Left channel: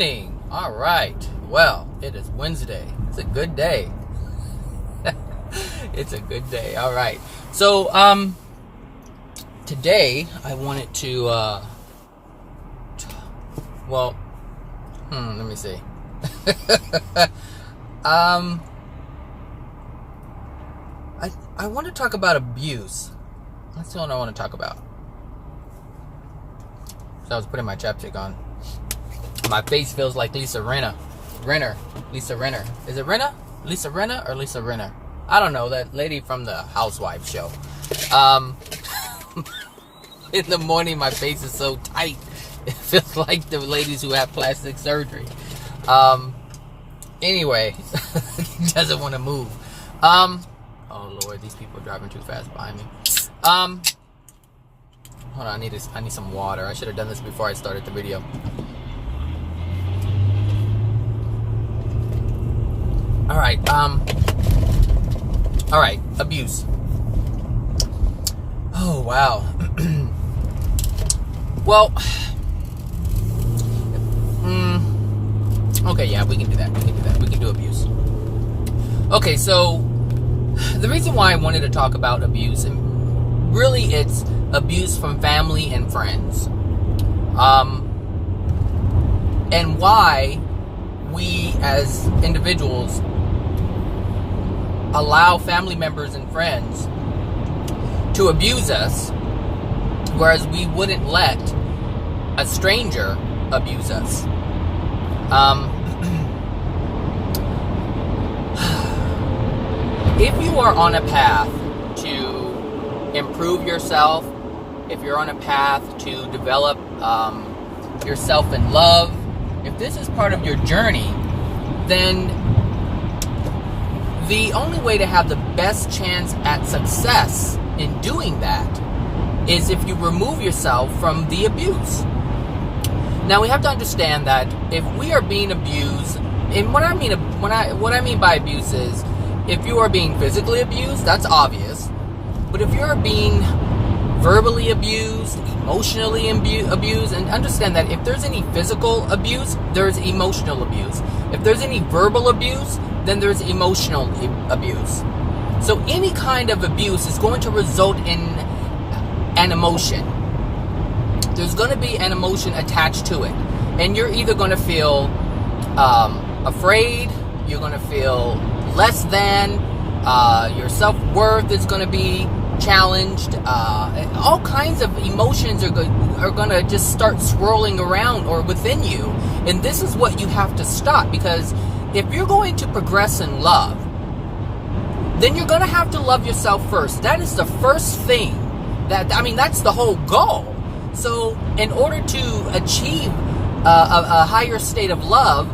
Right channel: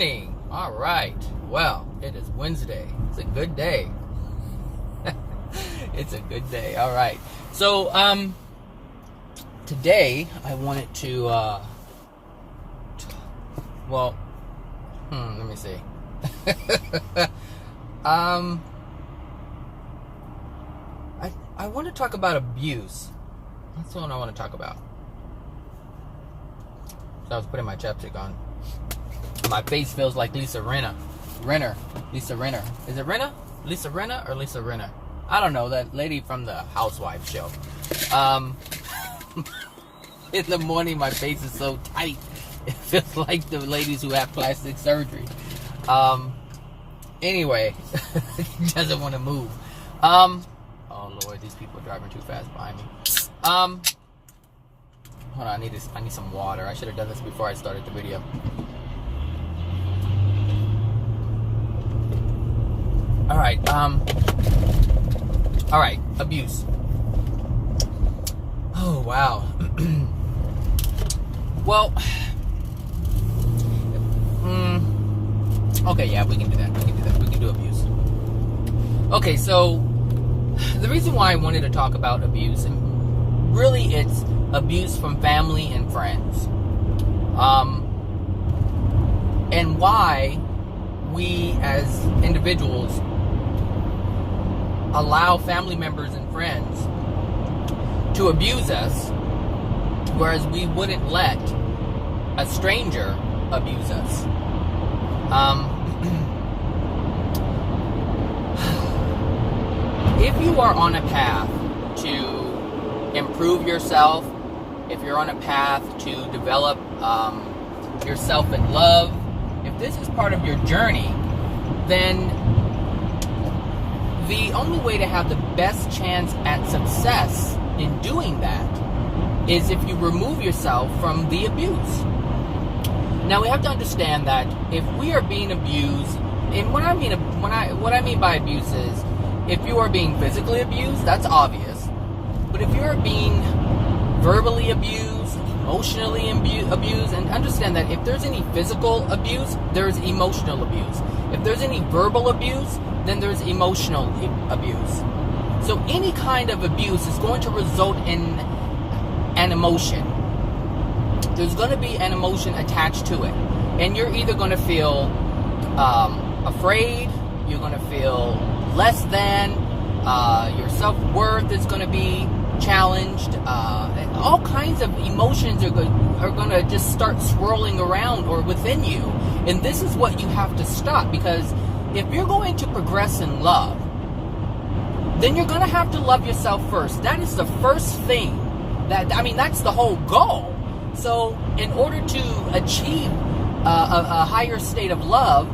morning. All right. Well, it is Wednesday. It's a good day. It's a good day. All right. So, today I wanted to, let me see. I want to talk about abuse. That's what I want to talk about. So I was putting my chapstick on. My face feels like Lisa Rinna. Lisa Rinna. Is it Rinna? Lisa Rinna or Lisa Rinna? I don't know. That lady from the Housewives show. In the morning, my face is so tight. It feels like the ladies who have plastic surgery. Anyway, he doesn't want to move. Oh Lord, these people are driving too fast behind me. Hold on, I need some water. I should have done this before I started the video. All right, abuse. Oh, wow. Well, okay, yeah, we can do that. We can do abuse. Okay, so the reason why I wanted to talk about abuse, and really it's abuse from family and friends. And why we as individuals allow family members and friends to abuse us, whereas we wouldn't let a stranger abuse us. If you are on a path to improve yourself, if you're on a path to develop yourself in love, if this is part of your journey, then the only way to have the best chance at success in doing that is if you remove yourself from the abuse. Now we have to understand that if we are being abused, and what I mean by abuse is if you are being physically abused, that's obvious. But if you're being verbally abused, emotionally abused, and understand that if there's any physical abuse, there's emotional abuse. If there's any verbal abuse, then there's emotional abuse. So any kind of abuse is going to result in an emotion. There's going to be an emotion attached to it. And you're either going to feel afraid, you're going to feel less than, your self-worth is going to be challenged. All kinds of emotions are going to just start swirling around or within you. And this is what you have to stop, because if you're going to progress in love, then you're going to have to love yourself first. That is the first thing. That's the whole goal. So in order to achieve a higher state of love,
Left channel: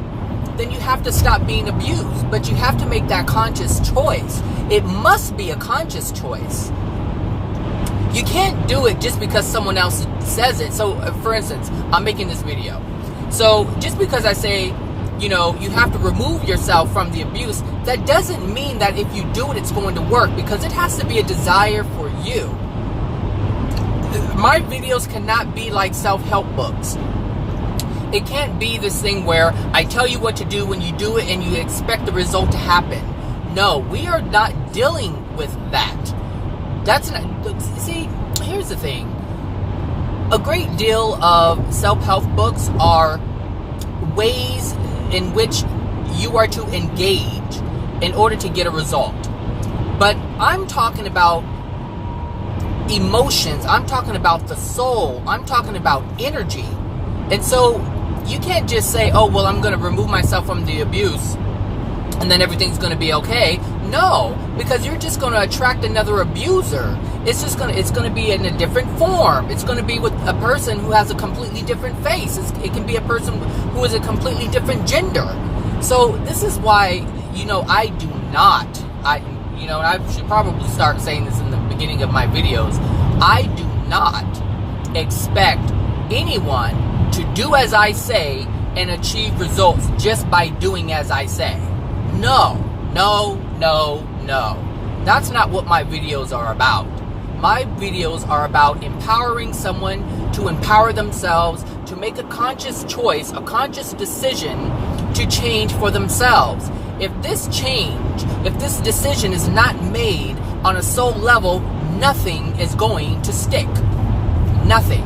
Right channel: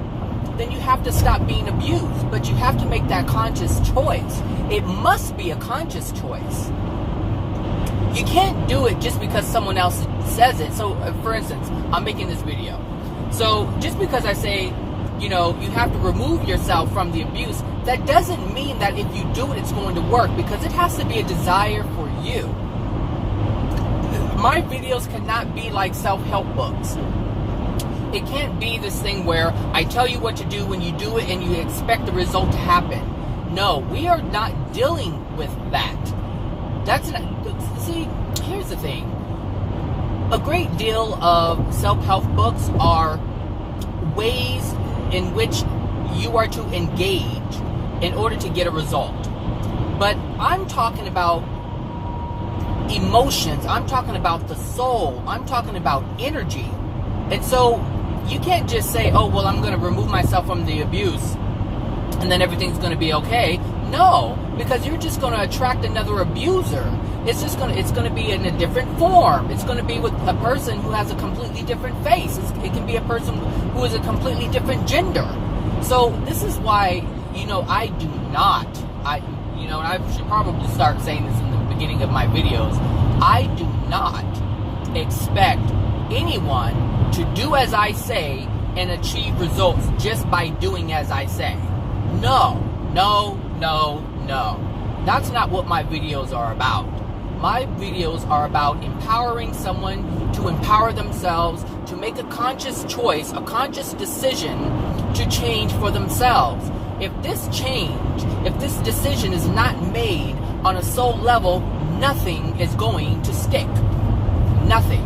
then you have to stop being abused. But you have to make that conscious choice. It must be a conscious choice. You can't do it just because someone else says it. So, for instance, I'm making this video. So, just because I say, you have to remove yourself from the abuse, that doesn't mean that if you do it, it's going to work, because it has to be a desire for you. My videos cannot be like self-help books. It can't be this thing where I tell you what to do when you do it and you expect the result to happen. No, we are not dealing with that. That's not, see, here's the thing. A great deal of self-help books are ways in which you are to engage in order to get a result. But I'm talking about emotions. I'm talking about the soul. I'm talking about energy. And so you can't just say, oh, well, I'm going to remove myself from the abuse and then everything's going to be okay. No, because you're just going to attract another abuser. It's going to be in a different form. It's going to be with a person who has a completely different face. It can be a person who is a completely different gender. So this is why, I do not, and I should probably start saying this in the beginning of my videos. I do not expect anyone to do as I say and achieve results just by doing as I say. No. That's not what my videos are about. My videos are about empowering someone to empower themselves, to make a conscious choice, a conscious decision to change for themselves. If this decision is not made on a soul level, nothing is going to stick. Nothing.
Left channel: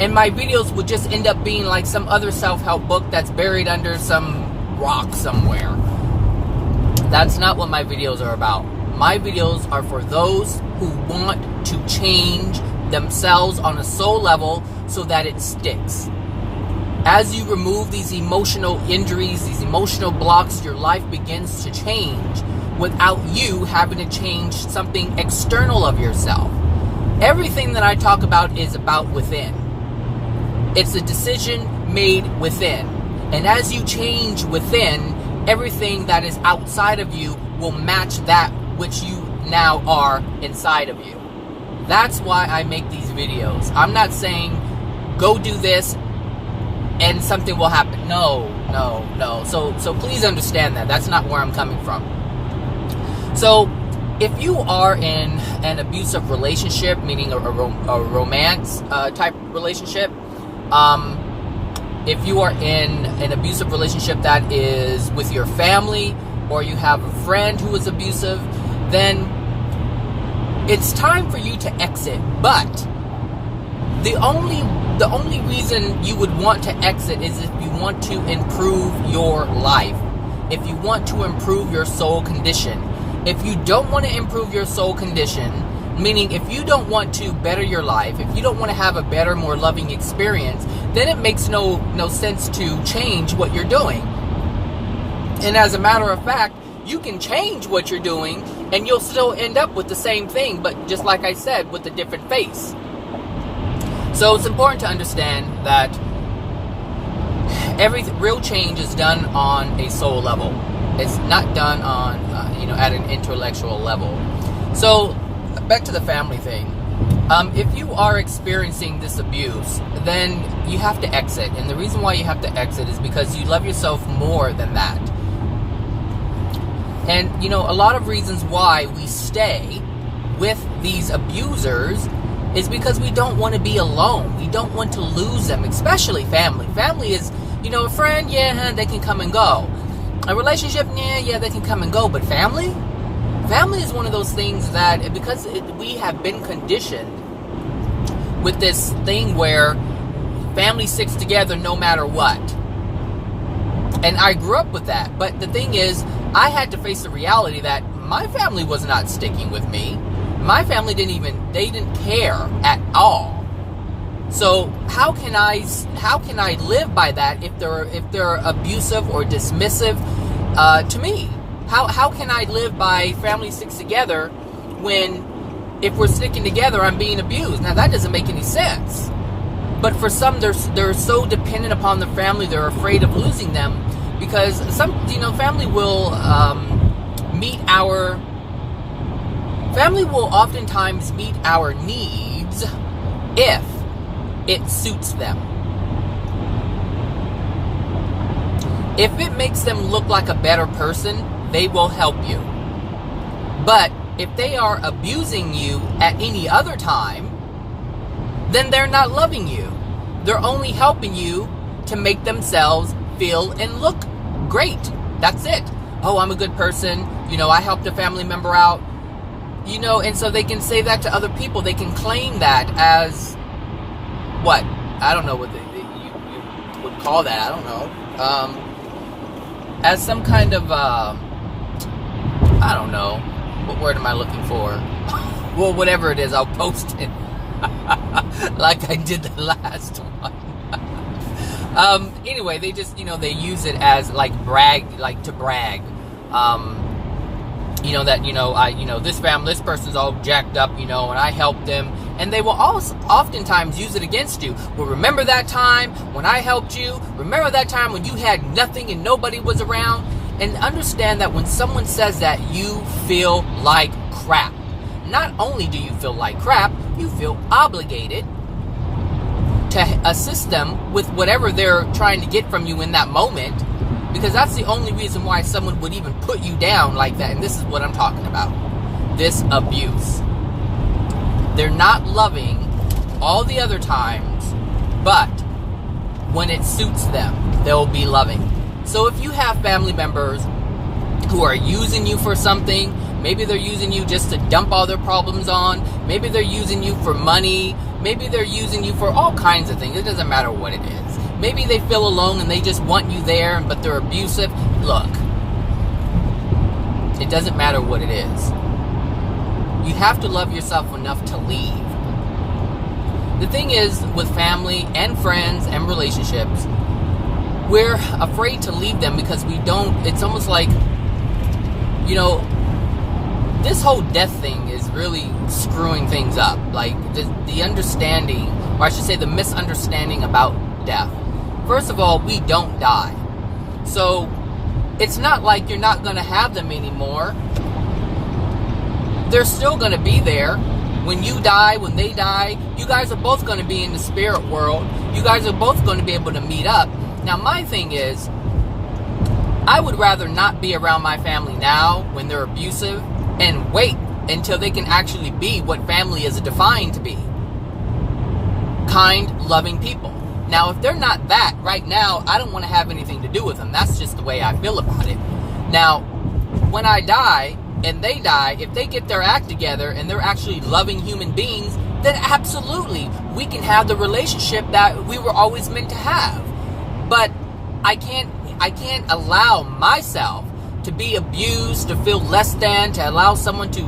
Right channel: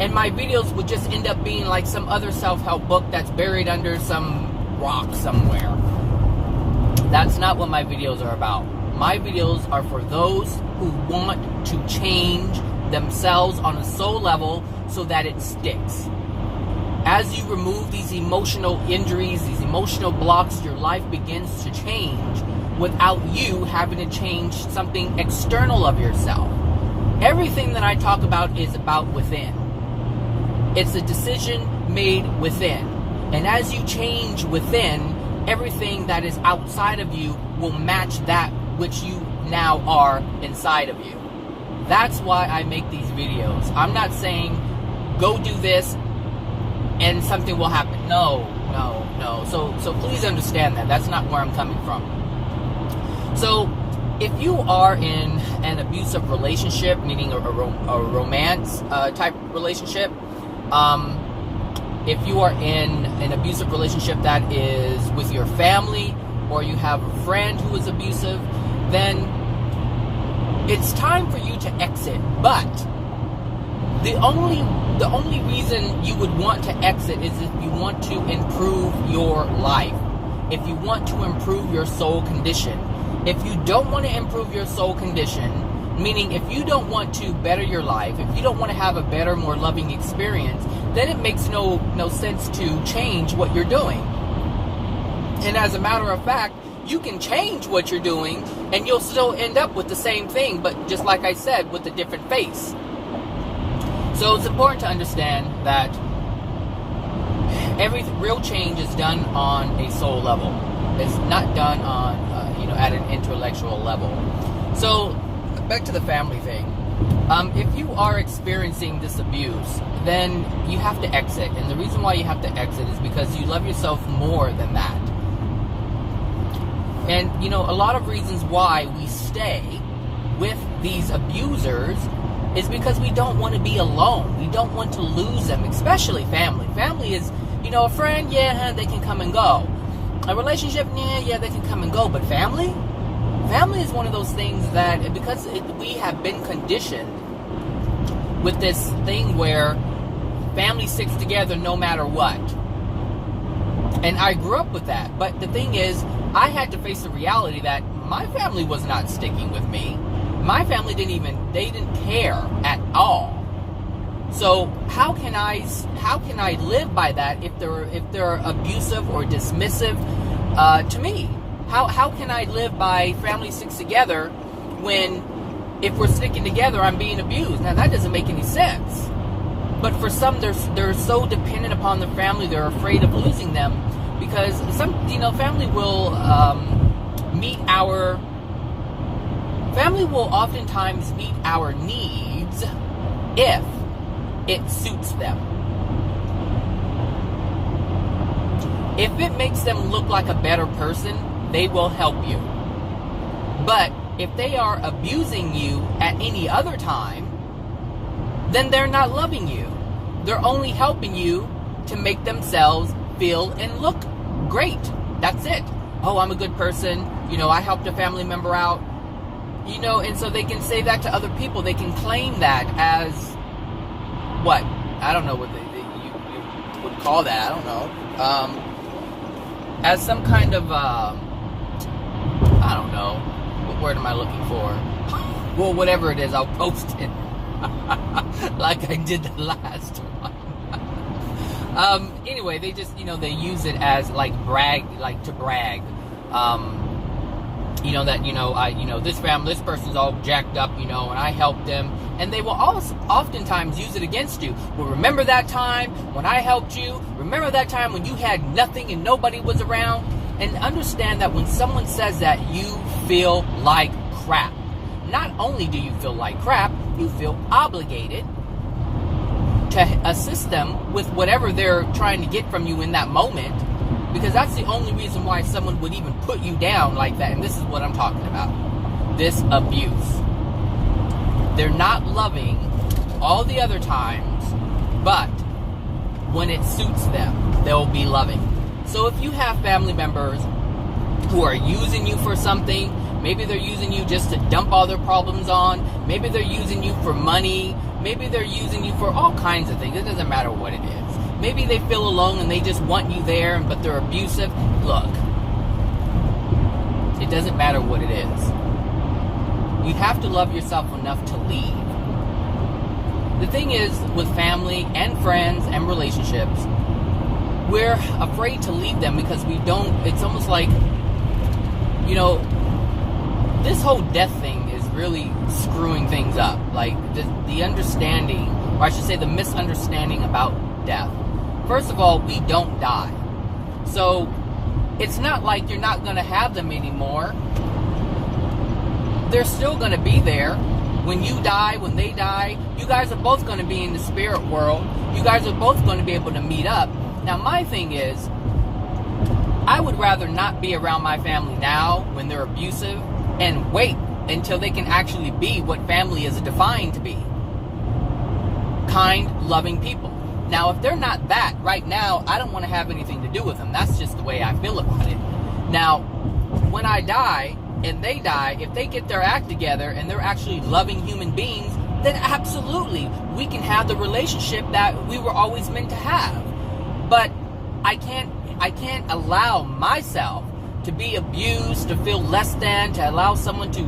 And my videos would just end up being like some other self-help book that's buried under some rock somewhere. That's not what my videos are about. My videos are for those who want to change themselves on a soul level so that it sticks. As you remove these emotional injuries, these emotional blocks, your life begins to change without you having to change something external of yourself. Everything that I talk about is about within. It's a decision made within. And as you change within, everything that is outside of you will match that which you now are inside of you. That's why I make these videos. I'm not saying go do this and something will happen. No. So please understand that. That's not where I'm coming from. So if you are in an abusive relationship, meaning a romance type relationship, if you are in an abusive relationship that is with your family, or you have a friend who is abusive, then it's time for you to exit. But the only reason you would want to exit is if you want to improve your life, if you want to improve your soul condition. If you don't want to improve your soul condition, meaning if you don't want to better your life, if you don't want to have a better, more loving experience, then it makes no sense to change what you're doing. And as a matter of fact, you can change what you're doing and you'll still end up with the same thing, but just like I said, with a different face. So it's important to understand that real change is done on a soul level. It's not done on, at an intellectual level. So back to the family thing. If you are experiencing this abuse, then you have to exit. And the reason why you have to exit is because you love yourself more than that. And, a lot of reasons why we stay with these abusers is because we don't want to be alone. We don't want to lose them, especially family. Family is, a friend, they can come and go. A relationship, they can come and go. But family is one of those things that, because we have been conditioned with this thing where family sticks together no matter what. And I grew up with that. But the thing is, I had to face the reality that my family was not sticking with me. My family didn't care at all. So how can I live by that if they're abusive or dismissive to me? How can I live by family sticks together when if we're sticking together I'm being abused? Now that doesn't make any sense. But for some, they're so dependent upon the family, they're afraid of losing them, because family will oftentimes meet our needs if it suits them. If it makes them look like a better person, they will help you. But if they are abusing you at any other time, then they're not loving you. They're only helping you to make themselves feel and look great. That's it. Oh, I'm a good person. I helped a family member out. And so they can say that to other people. They can claim that as what? I don't know what you would call that. I don't know. As some kind of, I don't know. What word am I looking for? Well, whatever it is, I'll post it. Like I did the last one. Anyway, they just, they use it as to brag. This person's all jacked up, and I helped them. And they will oftentimes use it against you. Well, remember that time when I helped you? Remember that time when you had nothing and nobody was around? And understand that when someone says that, you feel like crap. Not only do you feel like crap, you feel obligated to assist them with whatever they're trying to get from you in that moment, because that's the only reason why someone would even put you down like that. And this is what I'm talking about. This abuse. They're not loving all the other times, but when it suits them, they'll be loving. So if you have family members who are using you for something, maybe they're using you just to dump all their problems on, maybe they're using you for money, maybe they're using you for all kinds of things. It doesn't matter what it is. Maybe they feel alone and they just want you there, but they're abusive. Look, it doesn't matter what it is. You have to love yourself enough to leave. The thing is, with family and friends and relationships, we're afraid to leave them because we don't, it's almost like, you know, this whole death thing is really screwing things up. Like, the understanding, or I should say the misunderstanding about death. First of all, we don't die. So, it's not like you're not going to have them anymore. They're still going to be there. When you die, when they die, you guys are both going to be in the spirit world. You guys are both going to be able to meet up. Now, my thing is, I would rather not be around my family now when they're abusive and wait until they can actually be what family is defined to be. Kind, loving people. Now, if they're not that right now, I don't want to have anything to do with them. That's just the way I feel about it. Now, when I die and they die, if they get their act together and they're actually loving human beings, then absolutely we can have the relationship that we were always meant to have. But I can't allow myself to be abused, to feel less than, to allow someone to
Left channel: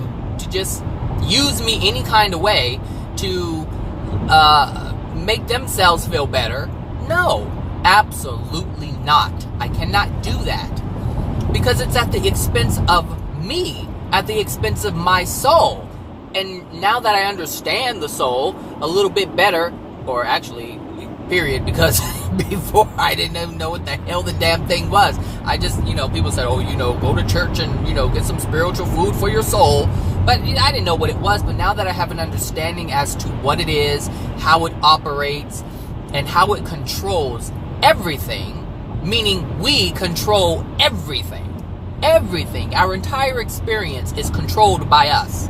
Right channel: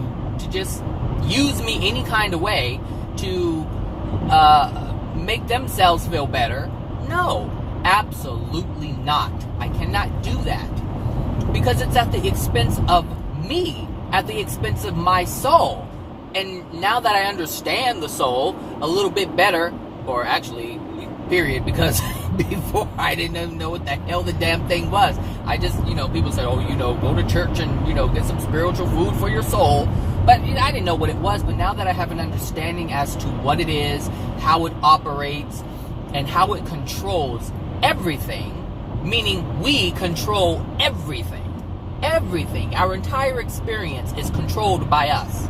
just use me any kind of way to make themselves feel better. No, absolutely not. I cannot do that because it's at the expense of me, at the expense of my soul. And now that I understand the soul a little bit better, or actually, period, because before I didn't even know what the hell the damn thing was. I just, people said, oh, go to church and, get some spiritual food for your soul. But I didn't know what it was. But now that I have an understanding as to what it is, how it operates, and how it controls everything, meaning we control everything. Everything. Our entire experience is controlled by us.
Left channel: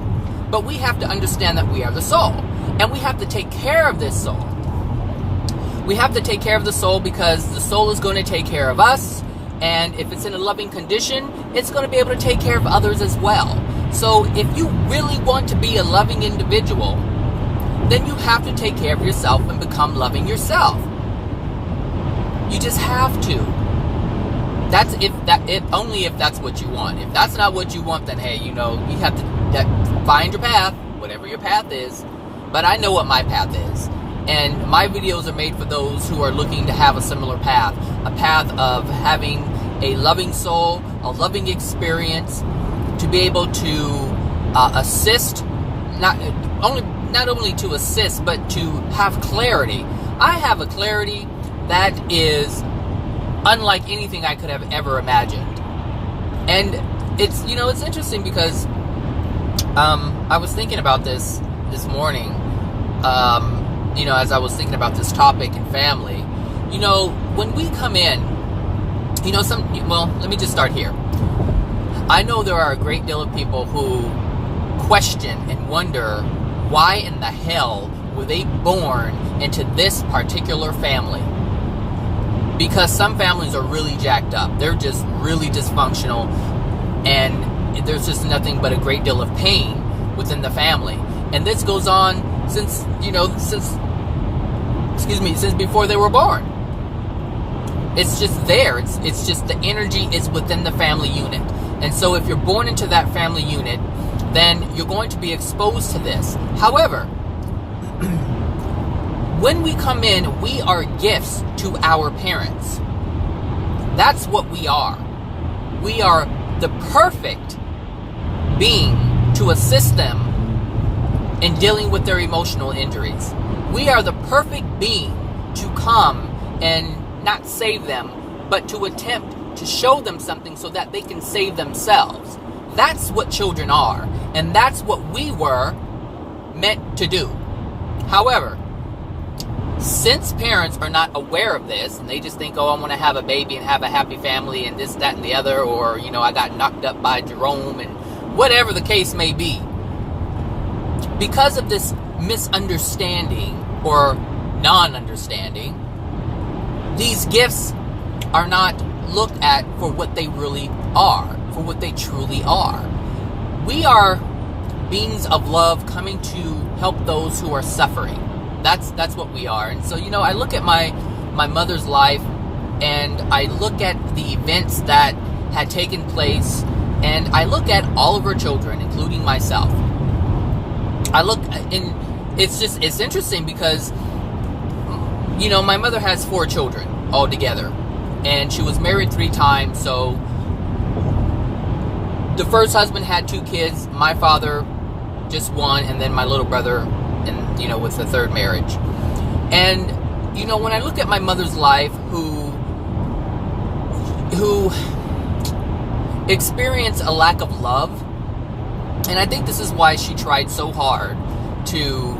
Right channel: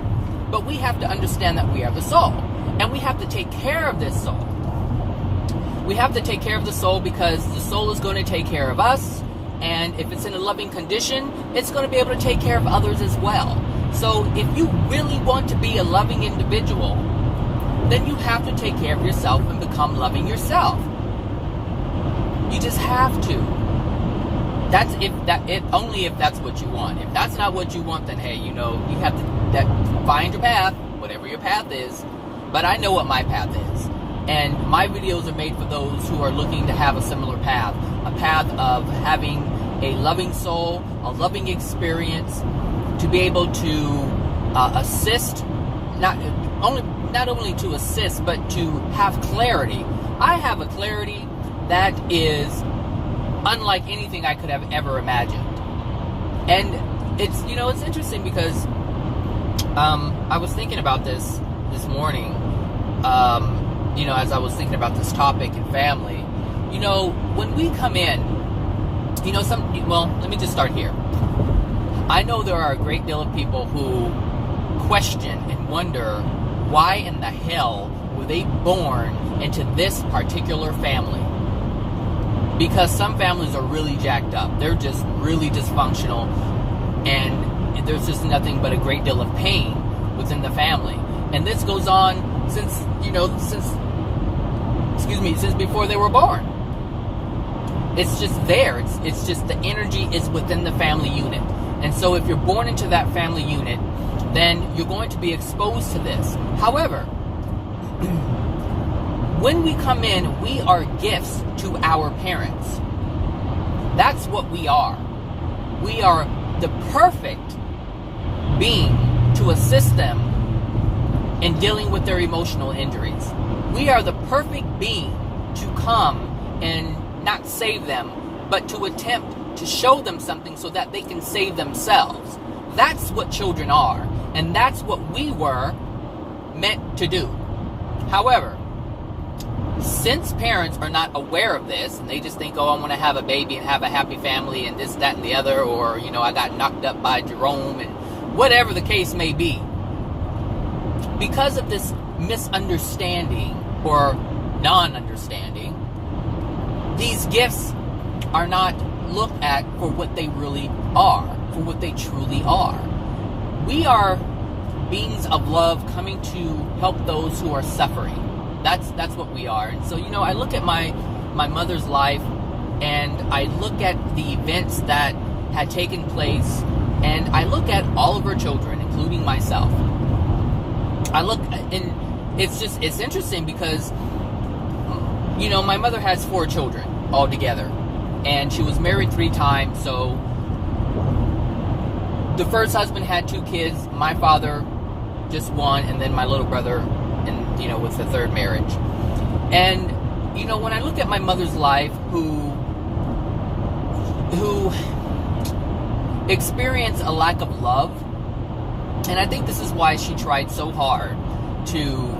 But we have to understand that we are the soul. And we have to take care of this soul. We have to take care of the soul because the soul is going to take care of us. And if it's in a loving condition, it's going to be able to take care of others as well. So if you really want to be a loving individual, then you have to take care of yourself and become loving yourself. You just have to. That's only if that's what you want. If that's not what you want, then hey, you have to find your path, whatever your path is. But I know what my path is. And my videos are made for those who are looking to have a similar path. A path of having a loving soul, a loving experience, to be able to assist, not only to assist, but to have clarity. I have a clarity that is unlike anything I could have ever imagined. And it's interesting because I was thinking about this morning. As I was thinking about this topic and family, when we come in, let me just start here. I know there are a great deal of people who question and wonder why in the hell were they born into this particular family? Because some families are really jacked up. They're just really dysfunctional, and there's just nothing but a great deal of pain within the family. And this goes on since before they were born. It's just there. It's just the energy is within the family unit. And so if you're born into that family unit, then you're going to be exposed to this. However, when we come in, we are gifts to our parents. That's what we are. We are the perfect being to assist them in dealing with their emotional injuries. We are the perfect being to come and not save them, but to attempt to show them something so that they can save themselves. That's what children are, and that's what we were meant to do. However, since parents are not aware of this, and they just think, oh, I want to have a baby and have a happy family and this, that, and the other, or, I got knocked up by Jerome, and whatever the case may be, because of this misunderstanding or non-understanding, these gifts are not looked at for what they really are, for what they truly are. We are beings of love coming to help those who are suffering. That's what we are. And so, I look at my mother's life, and I look at the events that had taken place, and I look at all of her children, including myself. It's interesting because, my mother has 4 children altogether, and she was married 3 times. So the first husband had 2 kids, my father just 1, and then my little brother, and with the 3rd marriage. And when I look at my mother's life, who experienced a lack of love, and I think this is why she tried so hard to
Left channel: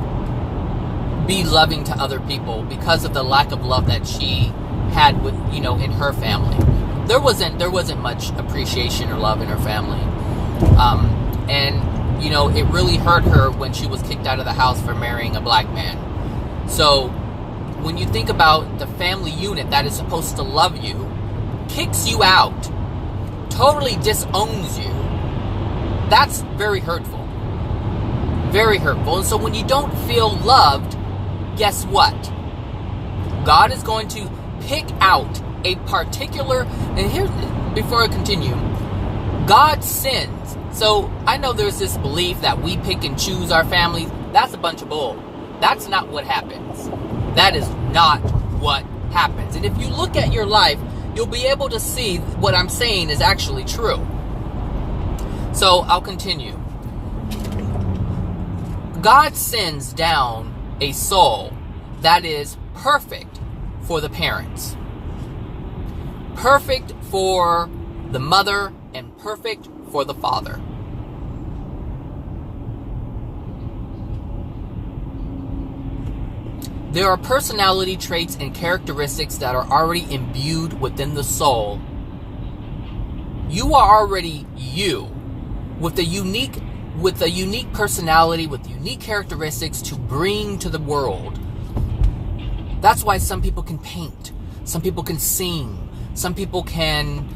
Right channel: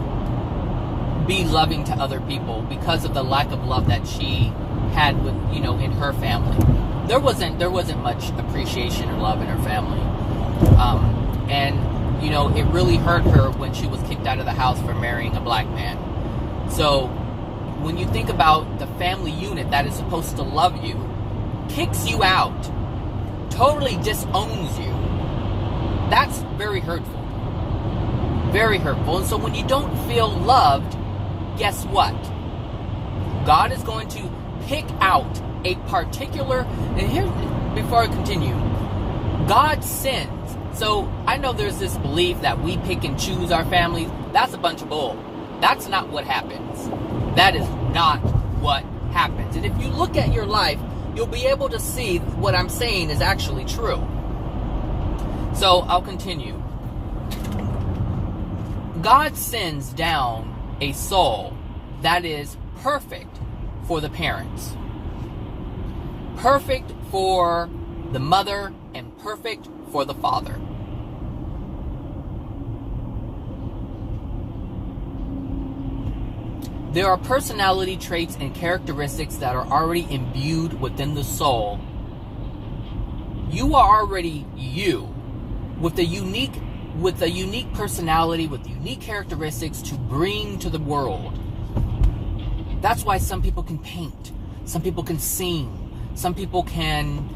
be loving to other people, because of the lack of love that she had with in her family. There wasn't much appreciation or love in her family, and it really hurt her when she was kicked out of the house for marrying a black man. So when you think about the family unit that is supposed to love you, kicks you out, totally disowns you, that's very hurtful. Very hurtful. And so when you don't feel loved, guess what? God is going to pick out a particular, and here, before I continue, God sends. So I know there's this belief that we pick and choose our families. That's a bunch of bull. That's not what happens. That is not what happens. And if you look at your life, you'll be able to see what I'm saying is actually true. So I'll continue. God sends down a soul that is perfect for the parents, perfect for the mother, and perfect for the father. There are personality traits and characteristics that are already imbued within the soul. You are already you, with a unique personality, with unique characteristics to bring to the world. That's why some people can paint, some people can sing, some people can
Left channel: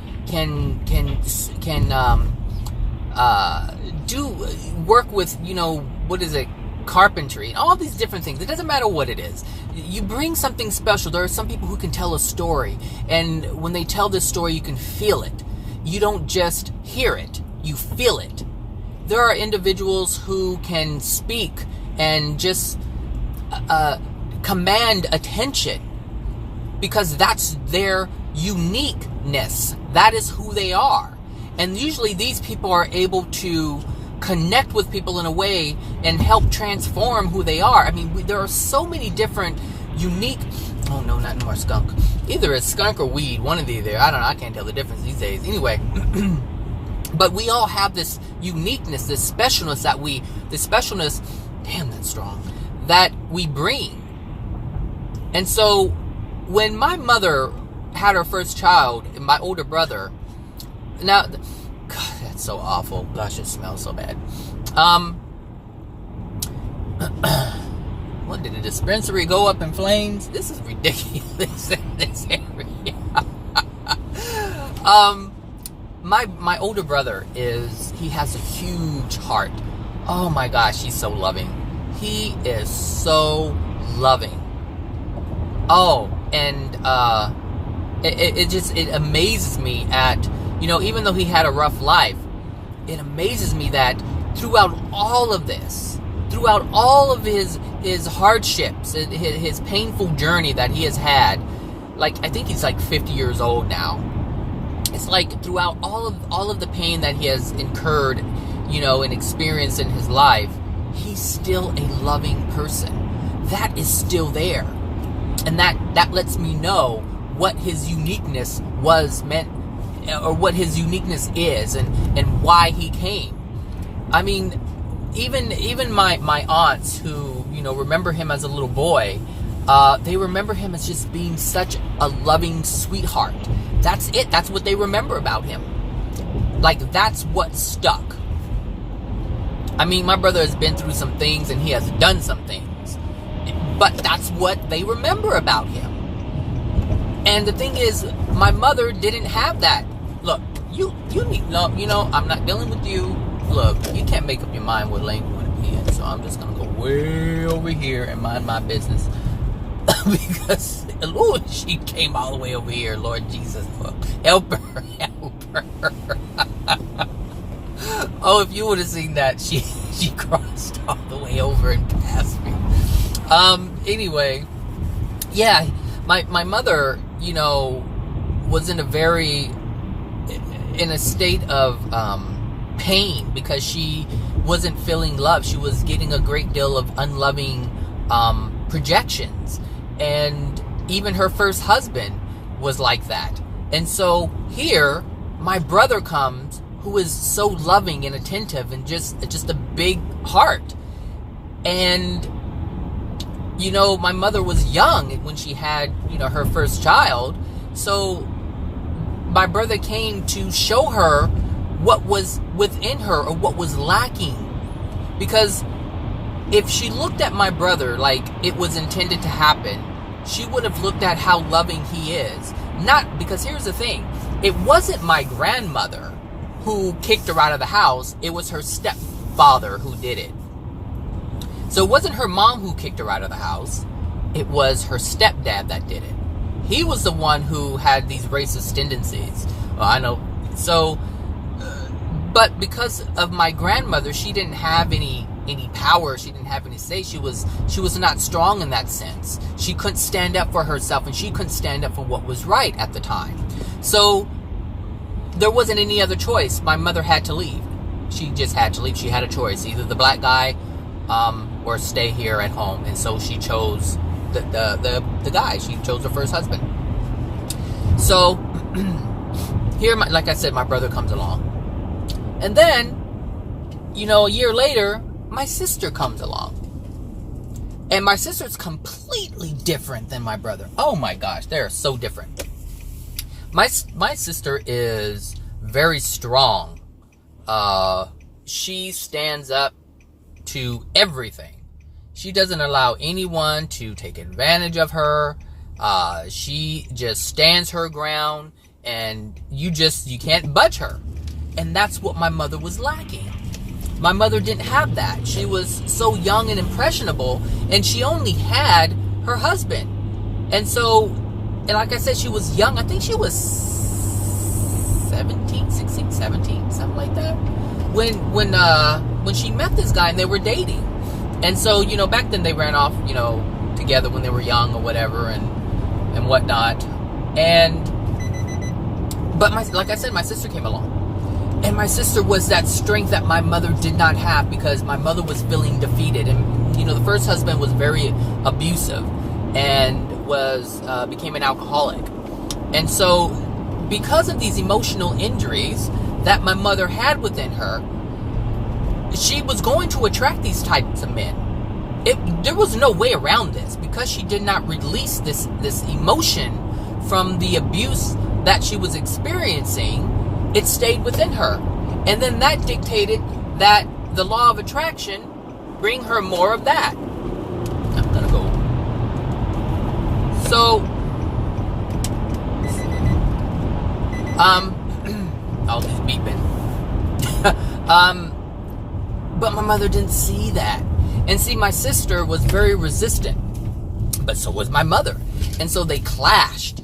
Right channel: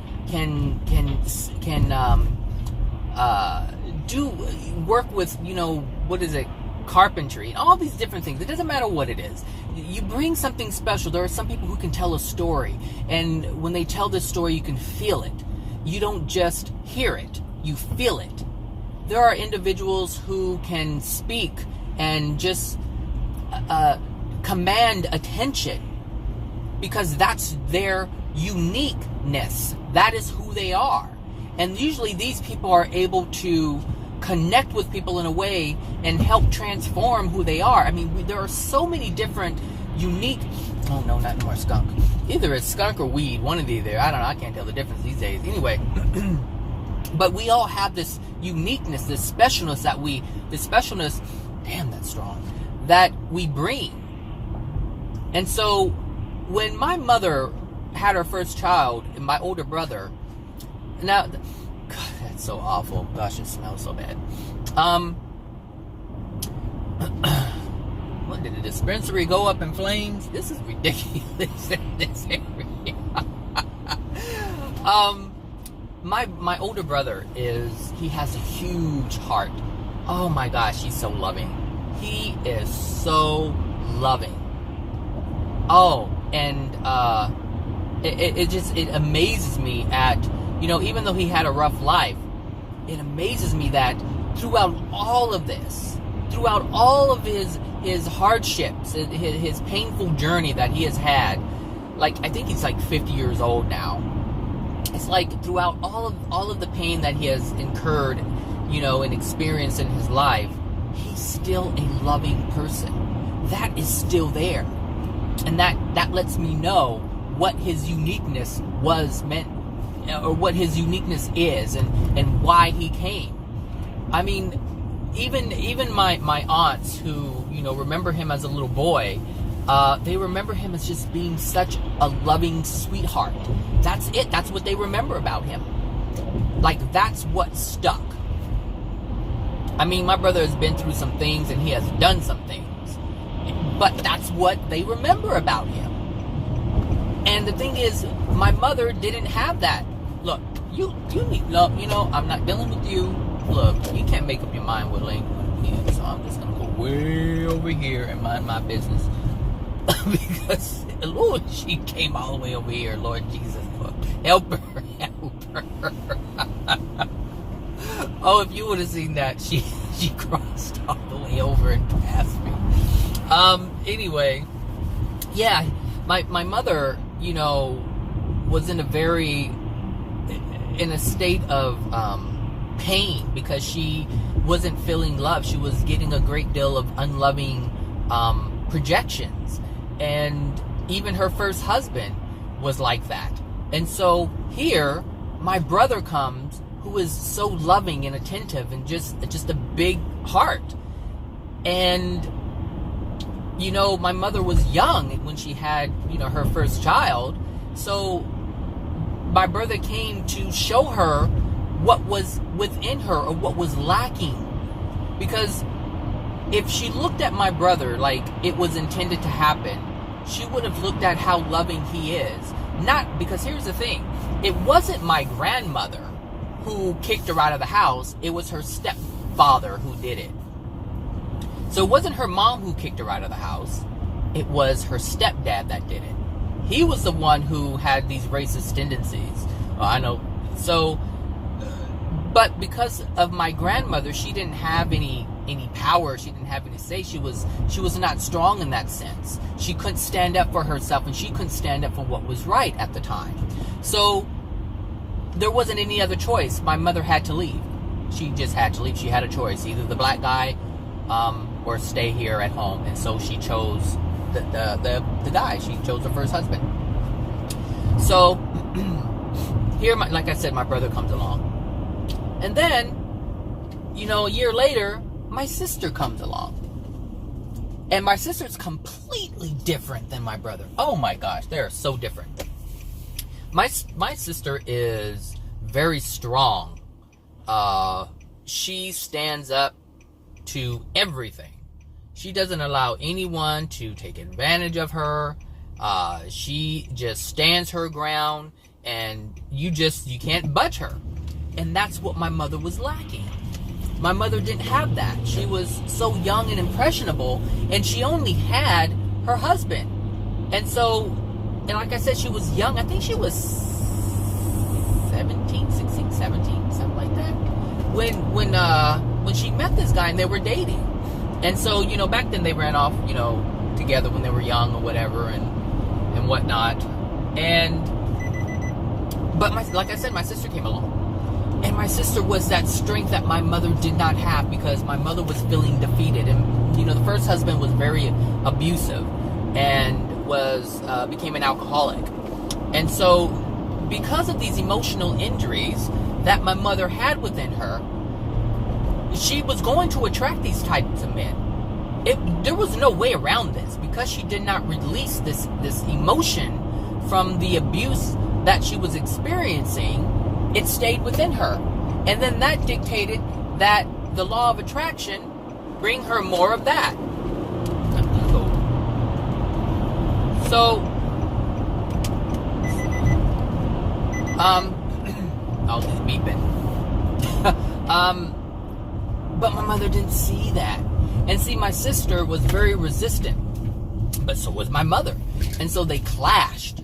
do work with carpentry and all these different things. It doesn't matter what it is. You bring something special. There are some people who can tell a story, and when they tell this story, you can feel it. You don't just hear it, you feel it. There are individuals who can speak and just command attention because that's their uniqueness. That is who they are. And usually these people are able to connect with people in a way and help transform who they are. I mean, there are so many different unique... Oh, no, not anymore, skunk. Either it's skunk or weed, one of the other. I don't know, I can't tell the difference these days. Anyway, but we all have this uniqueness, this specialness, damn, that's strong, that we bring. And so when my mother had her first child, and my older brother, now, God, that's so awful. Gosh, it smells so bad. What, did the dispensary go up in flames? This is ridiculous in this area. My older brother he has a huge heart. Oh my gosh, he's so loving. He is so loving. Oh, and it amazes me at, even though he had a rough life, it amazes me that throughout all of this, throughout all of his hardships, his painful journey that he has had, like, I think he's like 50 years old now. It's like throughout all of the pain that he has incurred, and experienced in his life, he's still a loving person. That is still there. And that lets me know what his uniqueness was meant, or what his uniqueness is, and why he came. I mean, even my aunts who, remember him as a little boy, they remember him as just being such a loving sweetheart. That's it. That's what they remember about him. Like, that's what stuck. I mean, my brother has been through some things and he has done some things. But that's what they remember about him. And the thing is, my mother didn't have that. Look, you need, no, you know, I'm not dealing with you. Look, you can't make up your mind what lane you want to be in. So I'm just going to go way over here and mind my business. Because, Lord, she came all the way over here. Lord Jesus, help her, help her. Oh, if you would have seen that, she crossed all the way over and passed me. Anyway, yeah, my mother, you know, was in a state of pain because she wasn't feeling love. She was getting a great deal of unloving projections. And even her first husband was like that. And so here, my brother comes, who is so loving and attentive and just a big heart. And, you know, my mother was young when she had, you know, her first child. So my brother came to show her what was within her or what was lacking. Because if she looked at my brother like it was intended to happen, she would have looked at how loving he is. Not because, here's the thing, it wasn't my grandmother who kicked her out of the house. It was her stepfather who did it. So it wasn't her mom who kicked her out of the house. It was her stepdad that did it. He was the one who had these racist tendencies. Well, I know. So, but because of my grandmother, she didn't have any power. She didn't have any say. She was not strong in that sense. She couldn't stand up for herself, and she couldn't stand up for what was right at the time. So there wasn't any other choice. My mother had to leave. She just had to leave. She had a choice, either the black guy or stay here at home. And so she chose the guy. She chose her first husband. So here, like I said, my brother comes along. And then, you know, a year later, my sister comes along. And my sister's completely different than my brother. Oh my gosh, they're so different. My sister is very strong. She stands up to everything. She doesn't allow anyone to take advantage of her. She just stands her ground, and you can't budge her. And that's what my mother was lacking. My mother didn't have that. She was so young and impressionable, and she only had her husband. And so, and like I said, she was young. I think she was 17, 16, 17, something like that. When she met this guy and they were dating. And so, you know, back then they ran off, you know, together when they were young or whatever and whatnot. But like I said, my sister came along. And my sister was that strength that my mother did not have, because my mother was feeling defeated. And, you know, the first husband was very abusive and became an alcoholic. And so because of these emotional injuries that my mother had within her, she was going to attract these types of men. There was no way around this, because she did not release this emotion from the abuse that she was experiencing. It stayed within her. And then that dictated that the law of attraction bring her more of that. I'm gonna go. So, I'll just beep it. But my mother didn't see that. And see, my sister was very resistant, but so was my mother. And so they clashed.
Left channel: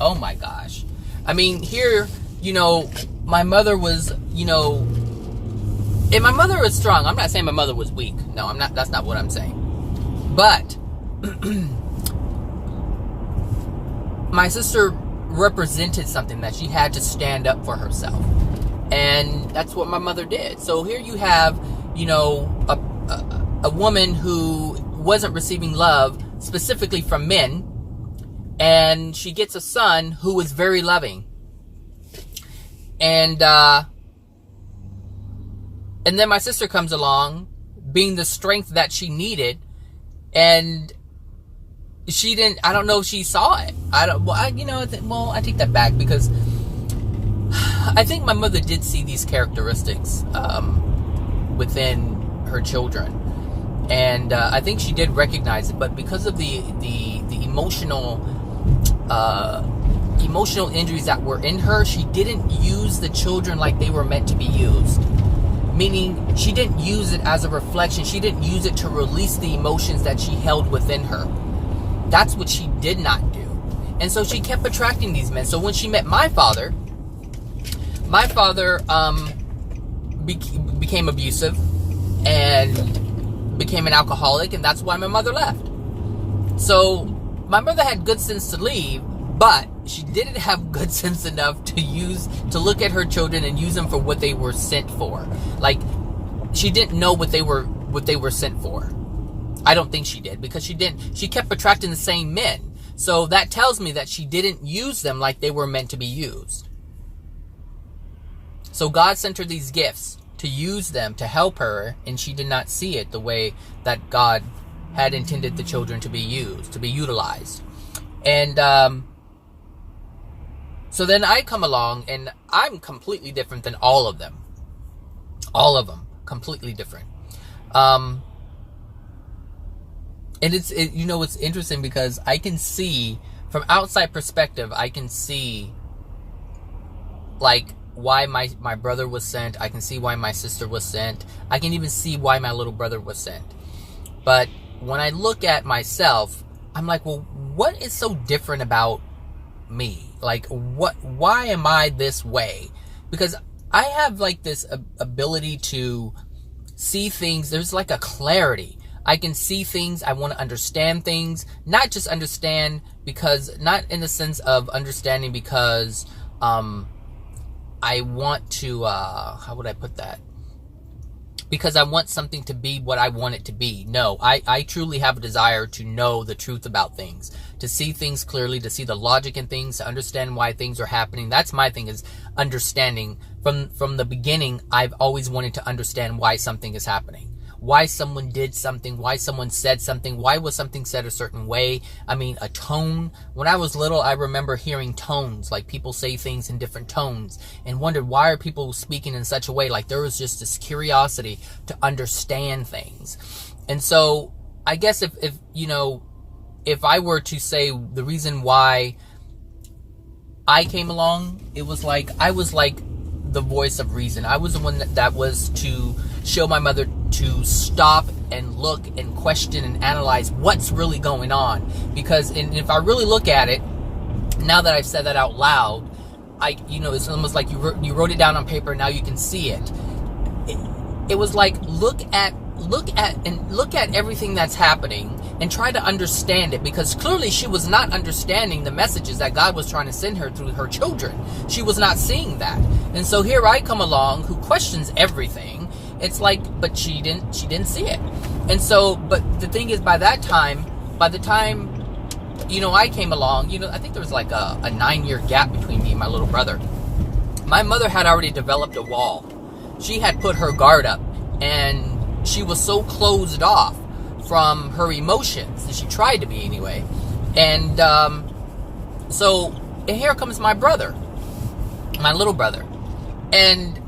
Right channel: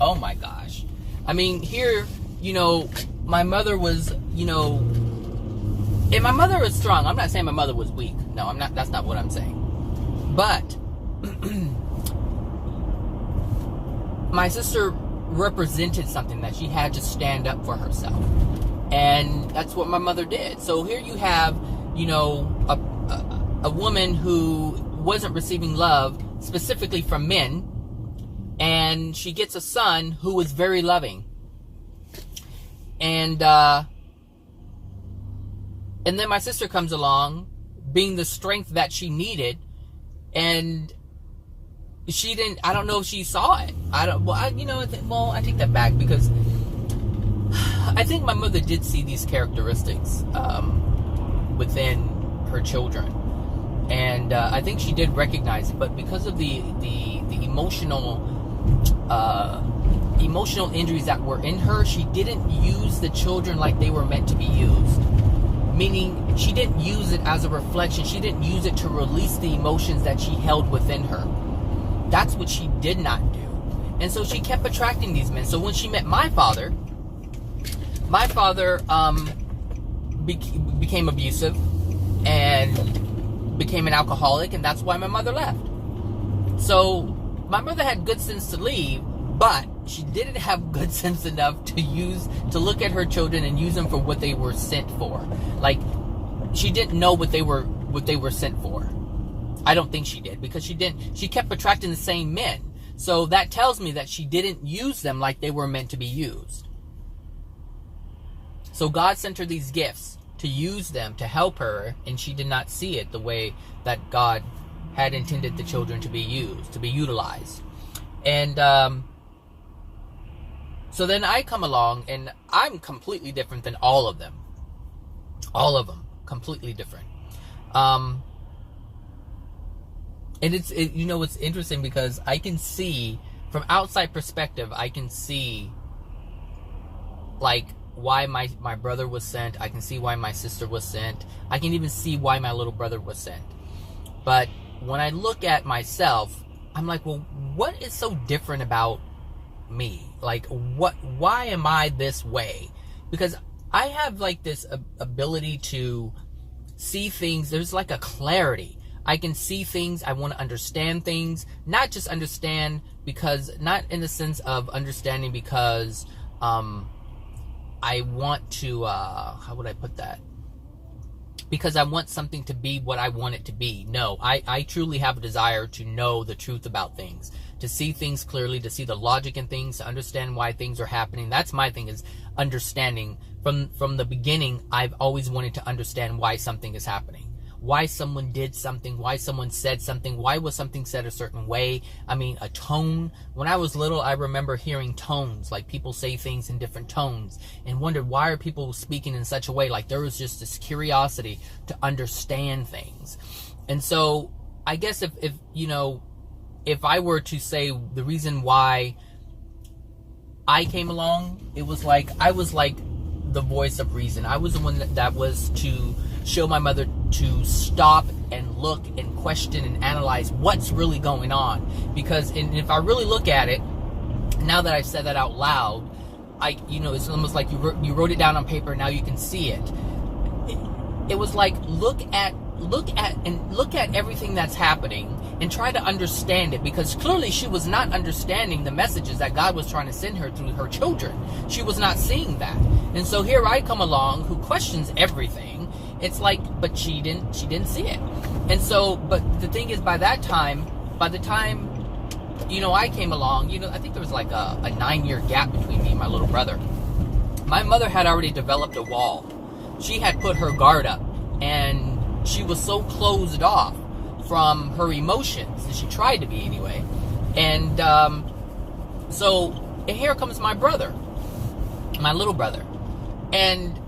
Oh my gosh. I mean, here, you know, my mother was, you know, and my mother was strong. I'm not saying my mother was weak. No, I'm not. That's not what I'm saying. But my sister represented something that she had to stand up for herself. And that's what my mother did. So here you have, you know, a woman who wasn't receiving love specifically from men, and she gets a son who is very loving. And then my sister comes along, being the strength that she needed, and she didn't. I don't know if she saw it. I take that back, because I think my mother did see these characteristics within her children. And I think she did recognize it, but because of the emotional injuries that were in her, she didn't use the children like they were meant to be used. Meaning, she didn't use it as a reflection. She didn't use it to release the emotions that she held within her. That's what she did not do. And so she kept attracting these men. So when she met my father became abusive and became an alcoholic, and that's why my mother left. So my mother had good sense to leave, but she didn't have good sense enough to look at her children and use them for what they were sent for. Like, she didn't know what they were sent for. I don't think she did, because she kept attracting the same men. So that tells me that she didn't use them like they were meant to be used. So God sent her these gifts to use them to help her, and she did not see it the way that God had intended the children to be used, to be utilized. And so then I come along, and I'm completely different than all of them. All of them, completely different. And it's interesting because I can see, from outside perspective, I can see, like, why my brother was sent. I can see why my sister was sent. I can even see why my little brother was sent. But when I look at myself, I'm like, well, what is so different about me? Like, why am I this way? Because I have, like, this ability to see things. There's like a clarity. I can see things. I want to understand things. Not just understand because, not in the sense of understanding because, I want to, how would I put that? Because I want something to be what I want it to be. No, I truly have a desire to know the truth about things, to see things clearly, to see the logic in things, to understand why things are happening. That's my thing, is understanding. From the beginning, I've always wanted to understand why something is happening. Why someone did something, why someone said something, why was something said a certain way. I mean, a tone. When I was little, I remember hearing tones, like people say things in different tones, and wondered, why are people speaking in such a way? Like, there was just this curiosity to understand things. And so I guess if I were to say the reason why I came along, it was like, I was like the voice of reason. I was the one that was to show my mother to stop and look and question and analyze what's really going on. Because if I really look at it, now that I've said that out loud, it's almost like you wrote it down on paper, and now you can see it. It was like, look at everything that's happening and try to understand it, because clearly she was not understanding the messages that God was trying to send her through her children. She was not seeing that. And so here I come along, who questions everything. It's like, but she didn't see it. And so, but the thing is, by the time I came along, I think there was like a 9-year gap between me and my little brother. My mother had already developed a wall. She had put her guard up, and she was so closed off from her emotions, and she tried to be anyway. And so here comes my brother, my little brother, and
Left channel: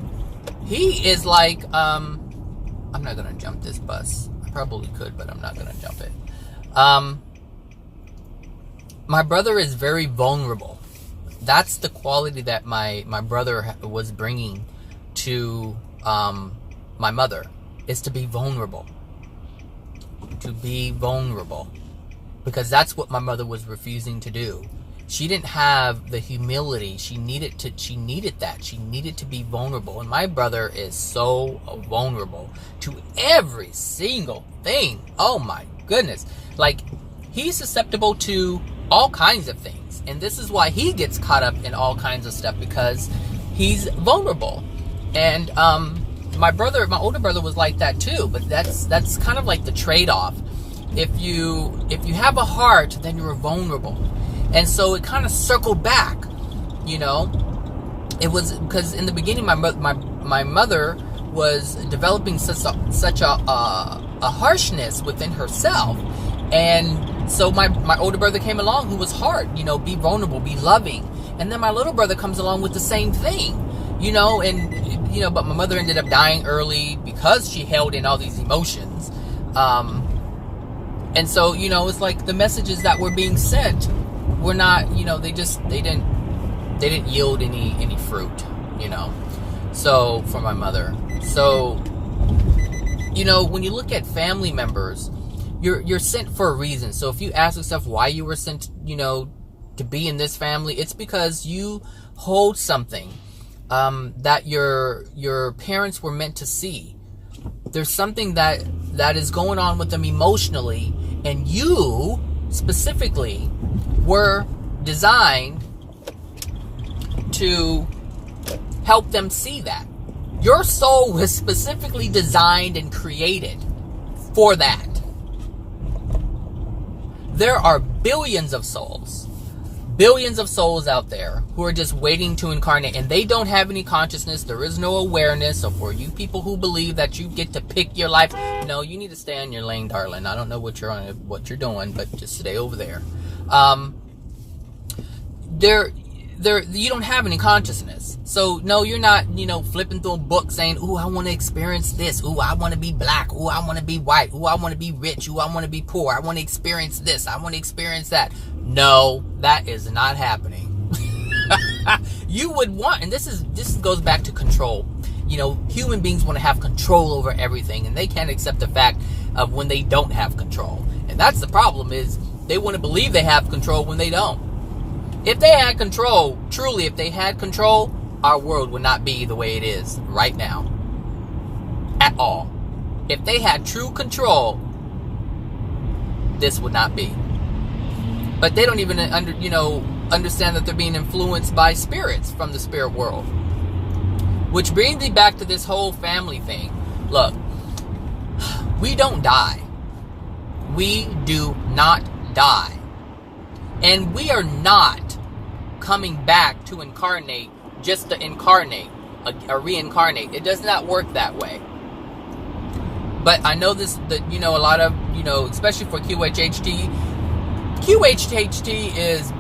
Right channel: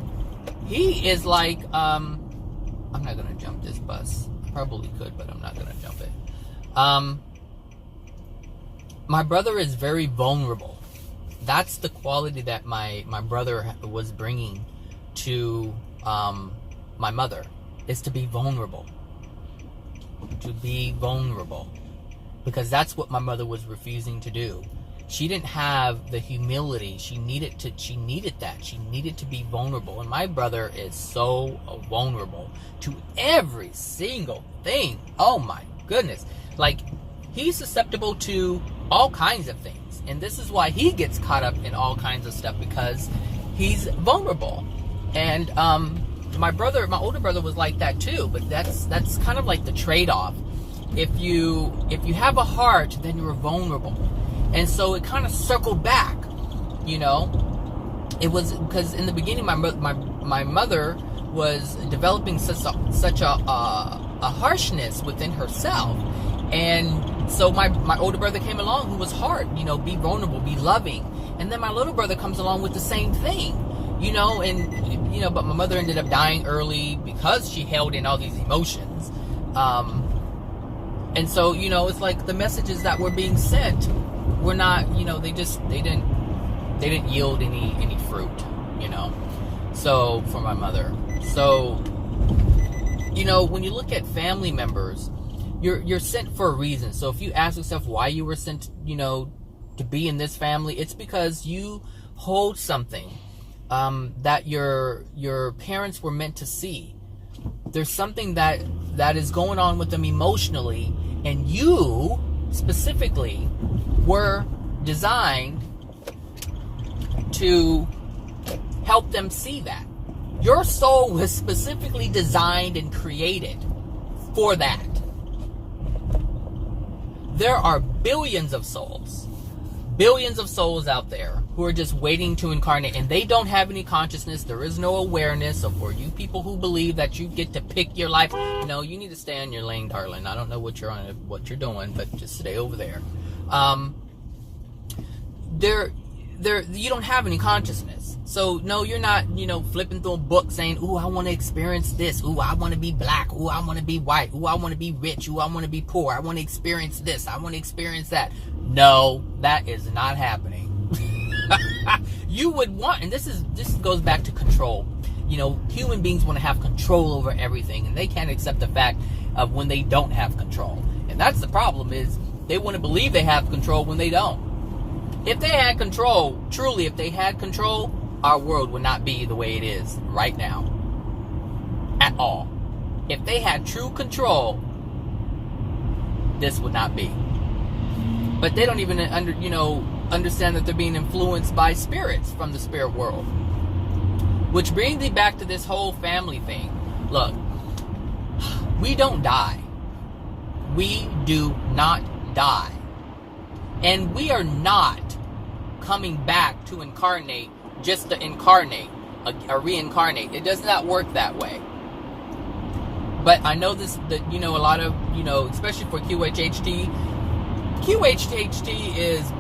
he is like, I'm not gonna jump this bus. I probably could, but I'm not gonna jump it. My brother is very vulnerable. That's the quality that my brother was bringing to my mother, is to be vulnerable. To be vulnerable. Because that's what my mother was refusing to do. She didn't have the humility. She needed that. She needed to be vulnerable. And my brother is so vulnerable to every single thing. Oh my goodness. Like, he's susceptible to all kinds of things. And this is why he gets caught up in all kinds of stuff, because he's vulnerable. And my older brother was like that too, but that's kind of like the trade-off. If you have a heart, then you're vulnerable. And so it kind of circled back, It was because in the beginning, my mother was developing such a harshness within herself. And so my older brother came along, who was hard, be vulnerable, be loving. And then my little brother comes along with the same thing. But my mother ended up dying early because she held in all these emotions. And so, it's like the messages that were being sent were not, they didn't yield any fruit, so for my mother. So, when you look at family members, you're sent for a reason. So if you ask yourself why you were sent, to be in this family, it's because you hold something that your parents were meant to see. There's something that is going on with them emotionally, and you specifically were designed to help them see that. Your soul was specifically designed and created for that. There are billions of souls out there who are just waiting to incarnate, and they don't have any consciousness. There is no awareness. So for you people who believe that you get to pick your life, no, you need to stay on your lane, darling. I don't know what you're doing, but just stay over there. You don't have any consciousness. So no, you're not, flipping through a book saying, ooh, I want to experience this. Ooh, I want to be black. Ooh, I want to be white. Ooh, I want to be rich. Ooh, I want to be poor. I want to experience this. I want to experience that. No, that is not happening. You would want, and this goes back to control. Human beings want to have control over everything, and they can't accept the fact of when they don't have control. And that's the problem, is they want to believe they have control when they don't. If they had control, truly, if they had control, our world would not be the way it is right now. At all. If they had true control, this would not be. But they don't even understand that they're being influenced by spirits from the spirit world. Which brings me back to this whole family thing. Look, we don't die. We do not die. And we are not coming back to incarnate just to incarnate or reincarnate. It does not work that way. But I know that a lot of, especially for QHHT is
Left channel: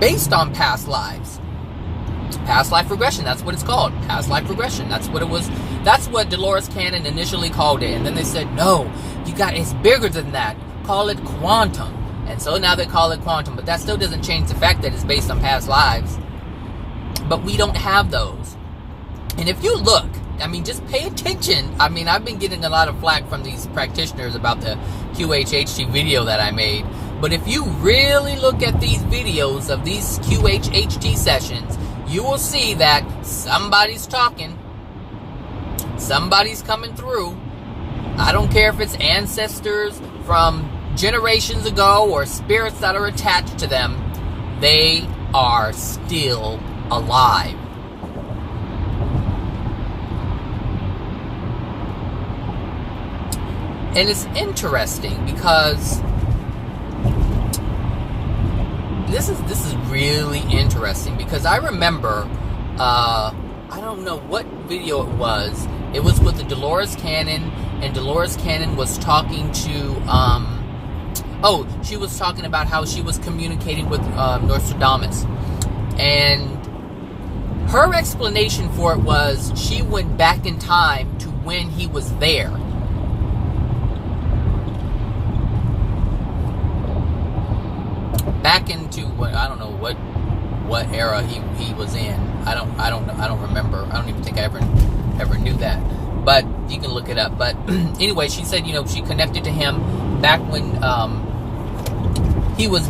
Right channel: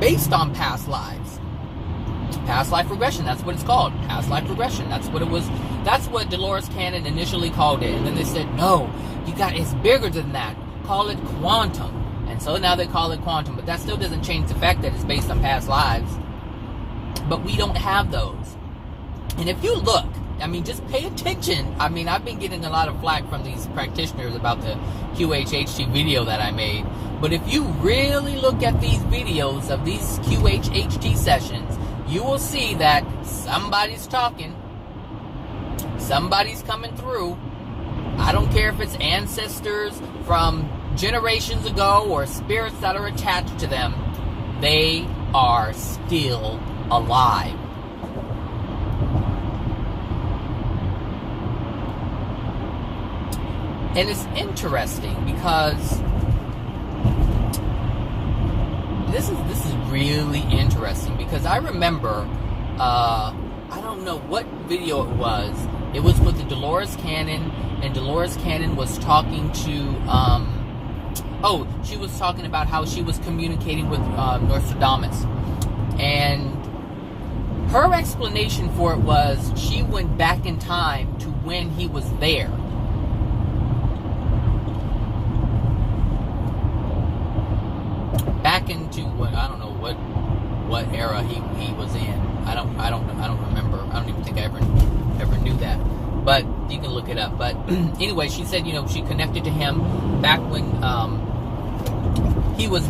based on past lives. Past life regression, that's what it's called. Past life regression. That's what it was. That's what Dolores Cannon initially called it. And then they said, no, it's bigger than that. Call it quantum. And so now they call it quantum, but that still doesn't change the fact that it's based on past lives. But we don't have those. And if you look, just pay attention. I've been getting a lot of flack from these practitioners about the QHHT video that I made. But if you really look at these videos of these QHHT sessions, you will see that somebody's talking. Somebody's coming through. I don't care if it's ancestors from generations ago or spirits that are attached to them. They are still alive. And it's interesting because this is really interesting, because I remember I don't know what video it was. It was with the Dolores Cannon, and Dolores Cannon was talking to she was talking about how she was communicating with Nostradamus. And her explanation for it was she went back in time to when he was there. Back into I don't know what era he was in. I don't remember. I don't even think I ever knew that. But you can look it up. But anyway, she said, she connected to him back when he was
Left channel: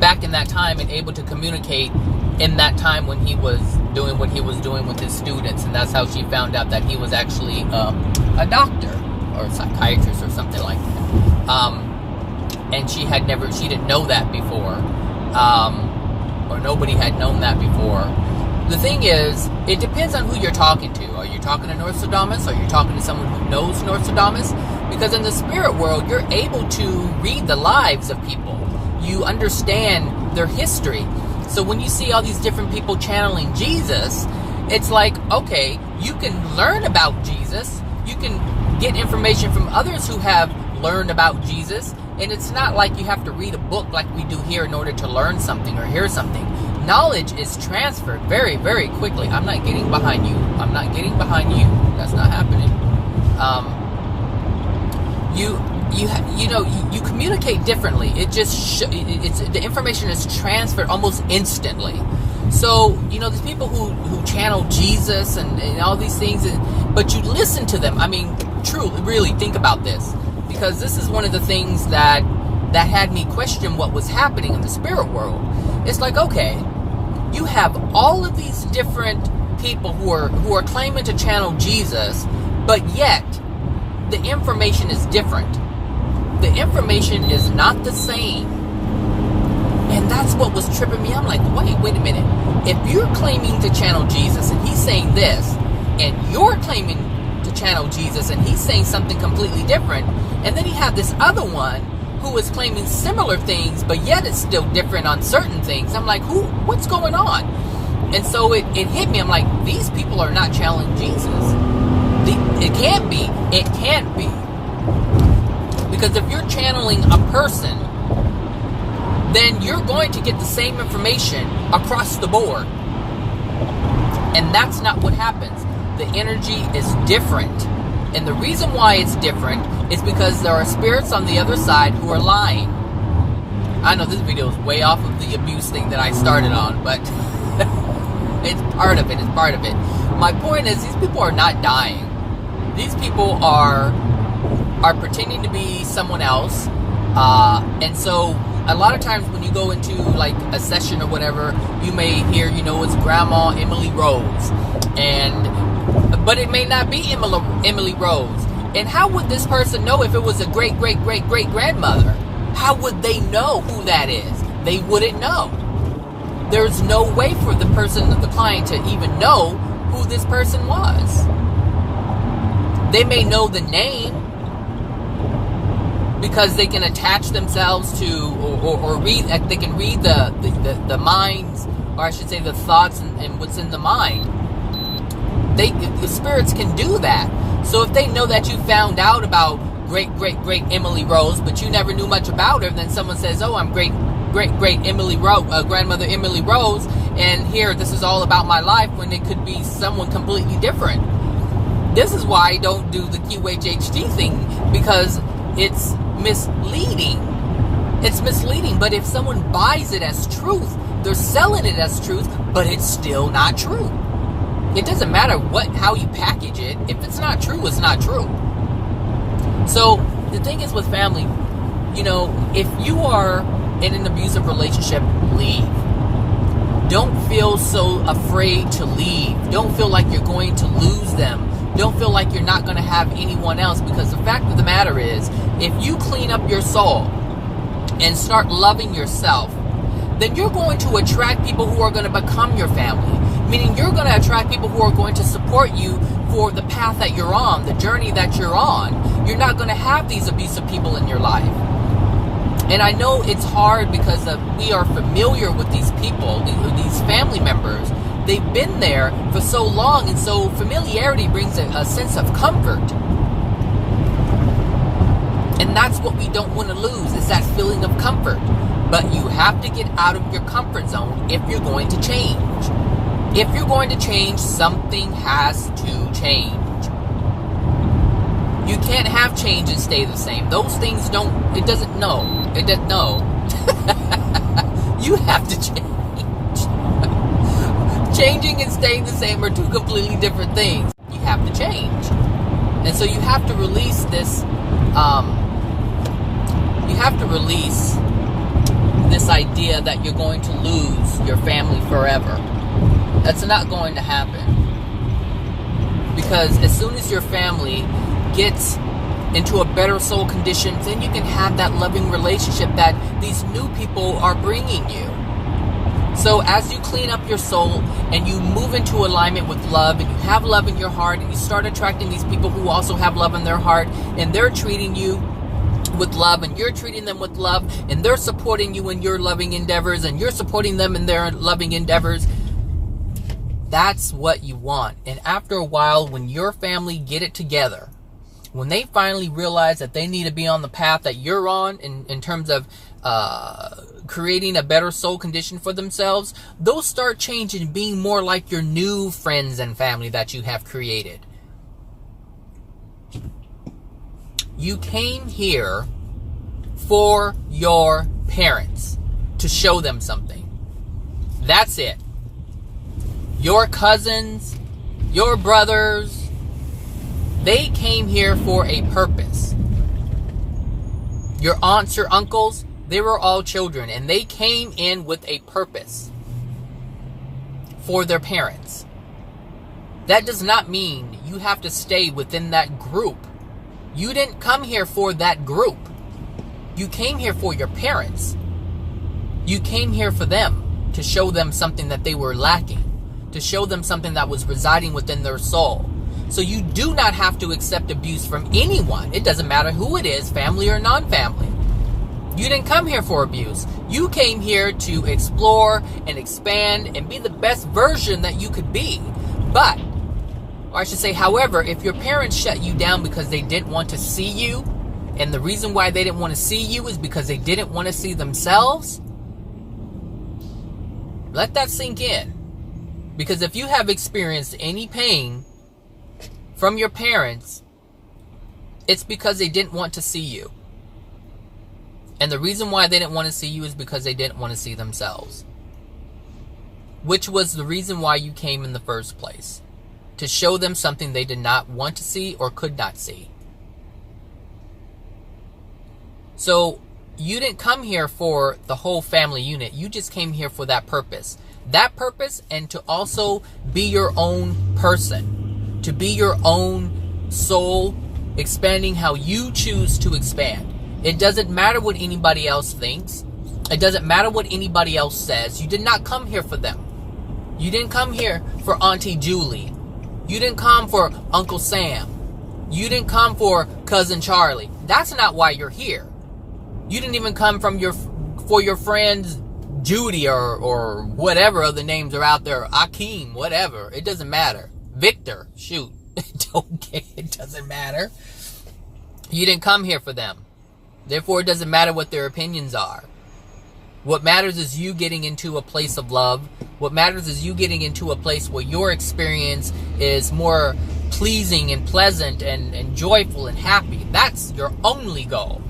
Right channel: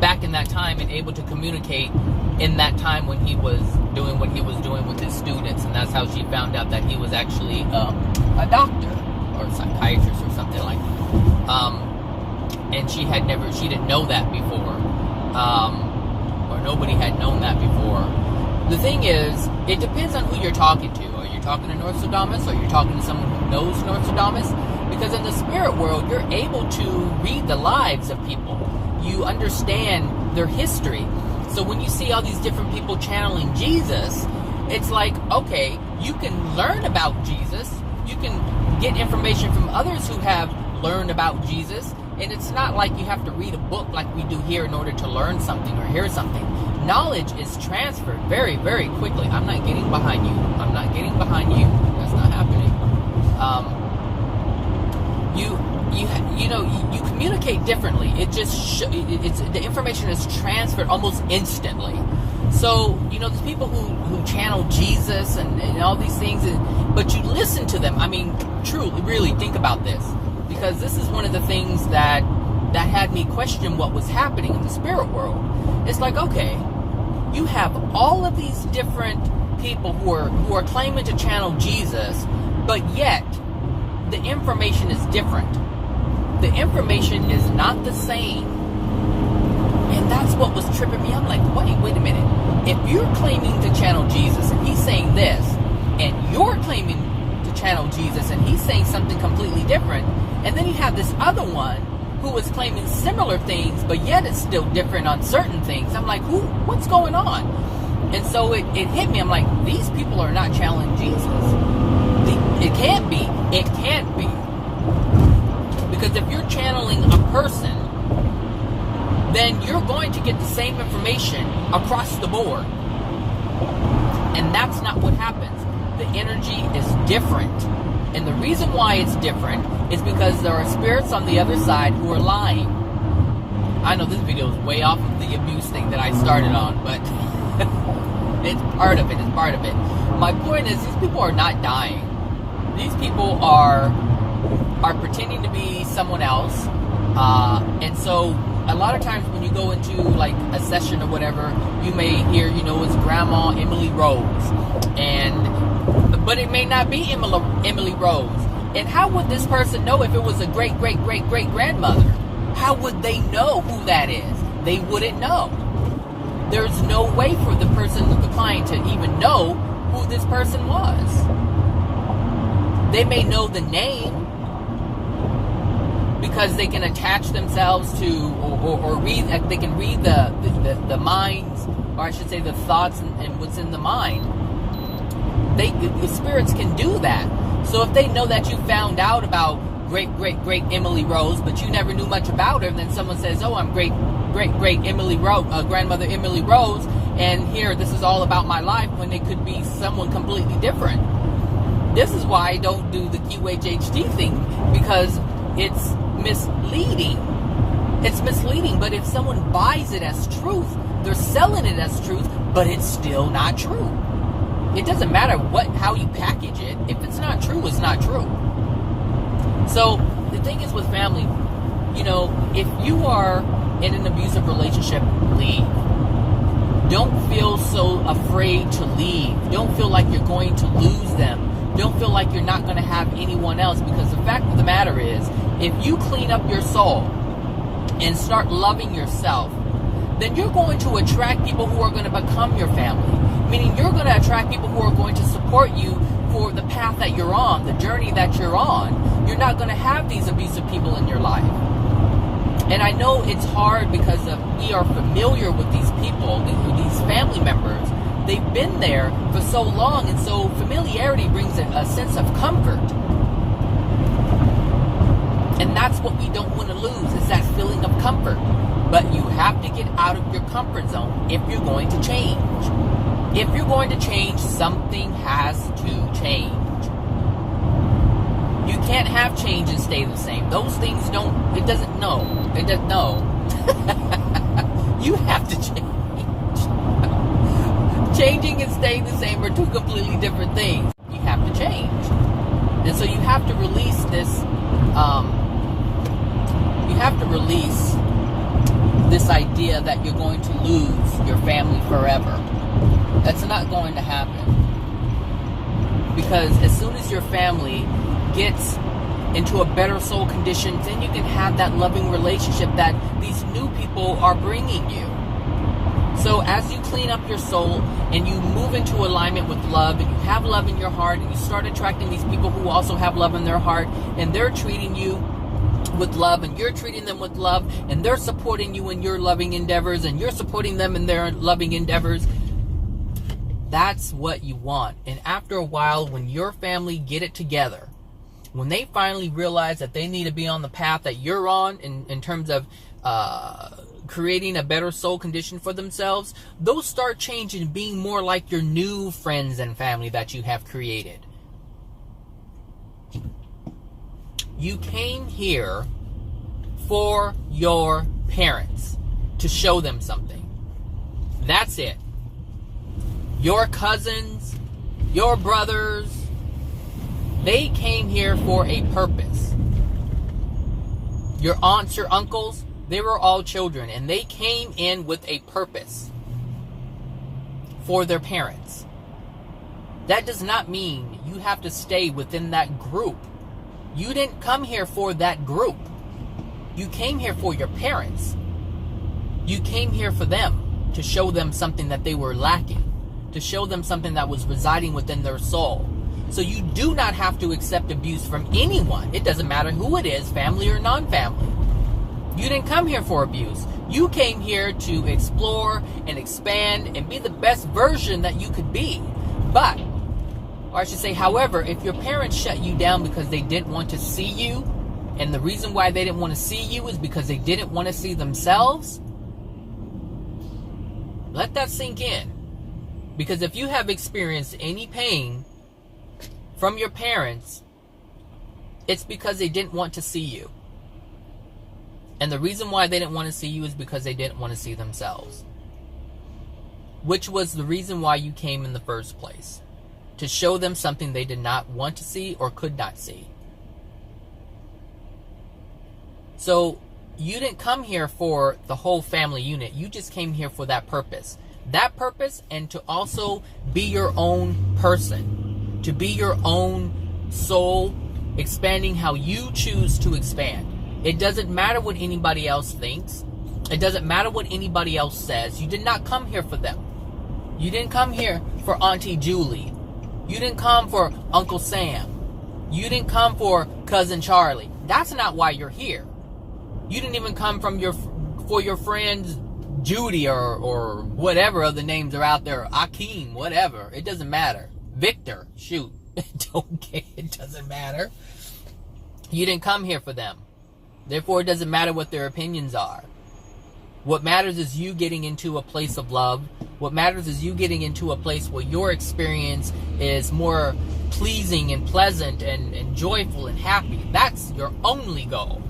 back in that time and able to communicate in that time when he was doing what he was doing with his students. And that's how she found out that he was actually a doctor or a psychiatrist or something like that. And she didn't know that before. Or nobody had known that before. The thing is, it depends on who you're talking to. Are you talking to Nostradamus? Are you talking to someone who knows Nostradamus? Because in the spirit world, you're able to read the lives of people. You understand their history. So when you see all these different people channeling Jesus, it's like, okay, you can learn about Jesus. You can get information from others who have learned about Jesus. And it's not like you have to read a book like we do here in order to learn something or hear something. Knowledge is transferred very, very quickly. I'm not getting behind you. I'm not getting behind you. That's not happening. You communicate differently. It just the information is transferred almost instantly. So there's people who channel Jesus and all these things, but you listen to them. I mean, truly, really think about this, because this is one of the things that had me question what was happening in the spirit world. It's like, okay, you have all of these different people who are claiming to channel Jesus, but yet the information is different. The information is not the same. And that's what was tripping me. I'm like, wait a minute. If you're claiming to channel Jesus and he's saying this, and you're claiming to channel Jesus and he's saying something completely different, and then you have this other one who is claiming similar things, but yet it's still different on certain things. I'm like, what's going on? And so it hit me. I'm like, these people are not channeling Jesus. It can't be. It can't be. Because if you're channeling a person, then you're going to get the same information across the board. And that's not what happens. The energy is different. And the reason why it's different is because there are spirits on the other side who are lying. I know this video is way off of the abuse thing that I started on, but it's part of it. It's part of it. My point is, these people are not dying. These people are pretending to be someone else. And so a lot of times when you go into like a session or whatever, you may hear, it's Grandma Emily Rose. But it may not be Emily Rose. And how would this person know if it was a great-great-great-great-grandmother? How would they know who that is? They wouldn't know. There's no way for the client to even know who this person was. They may know the name because they can attach themselves to or read. They can read the minds, or I should say the thoughts and what's in the mind. The spirits can do that. So if they know that you found out about great Emily Rose, but you never knew much about her, then someone says, "Oh, I'm great Emily Rose, grandmother Emily Rose, and here this is all about my life," when it could be someone completely different. This is why I don't do the QHHT thing, because it's misleading. It's misleading, but if someone buys it as truth, they're selling it as truth, but it's still not true. It doesn't matter how you package it. If it's not true, it's not true. So the thing is with family, if you are in an abusive relationship, leave. Don't feel so afraid to leave. Don't feel like you're going to lose them. Don't feel like you're not going to have anyone else, because the fact of the matter is, if you clean up your soul and start loving yourself, then you're going to attract people who are going to become your family. Meaning you're going to attract people who are going to support you for the path that you're on, the journey that you're on. You're not going to have these abusive people in your life. And I know it's hard because we are familiar with these people, these family members. They've been there for so long, and so familiarity brings a sense of comfort. And that's what we don't want to lose, is that feeling of comfort. But you have to get out of your comfort zone if you're going to change. If you're going to change, something has to change. You can't have change and stay the same. Those things it doesn't know. You have to change. Changing and staying the same are two completely different things. You have to change. And so you have to release this, this idea that you're going to lose your family forever. That's not going to happen. Because as soon as your family gets into a better soul condition, then you can have that loving relationship that these new people are bringing you. So as you clean up your soul and you move into alignment with love, and you have love in your heart, and you start attracting these people who also have love in their heart, and they're treating you with love, and you're treating them with love, and they're supporting you in your loving endeavors, and you're supporting them in their loving endeavors, that's what you want. And after a while, when your family get it together, when they finally realize that they need to be on the path that you're on in terms of creating a better soul condition for themselves, they'll start changing, being more like your new friends and family that you have created. You came here for your parents, to show them something. That's it. Your cousins, your brothers, they came here for a purpose. Your aunts, your uncles, they were all children, and they came in with a purpose for their parents. That does not mean you have to stay within that group. You didn't come here for that group. You came here for your parents. You came here for them, to show them something that they were lacking, to show them something that was residing within their soul. So you do not have to accept abuse from anyone. It doesn't matter who it is, family or non-family. You didn't come here for abuse. You came here to explore and expand and be the best version that you could be. But, or I should say, however, if your parents shut you down because they didn't want to see you, and the reason why they didn't want to see you is because they didn't want to see themselves, let that sink in. Because if you have experienced any pain from your parents, it's because they didn't want to see you. And the reason why they didn't want to see you is because they didn't want to see themselves. Which was the reason why you came in the first place. To show them something they did not want to see or could not see. So, you didn't come here for the whole family unit. You just came here for that purpose. That purpose, and to also be your own person. To be your own soul, expanding how you choose to expand. It doesn't matter what anybody else thinks. It doesn't matter what anybody else says. You did not come here for them. You didn't come here for Auntie Julie. You didn't come for Uncle Sam. You didn't come for Cousin Charlie. That's not why you're here. You didn't even come for your friends Judy or whatever other names are out there. Akeem, whatever. It doesn't matter. Victor, shoot. Don't care. It doesn't matter. You didn't come here for them. Therefore, it doesn't matter what their opinions are. What matters is you getting into a place of love. What matters is you getting into a place where your experience is more pleasing and pleasant and joyful and happy. That's your only goal.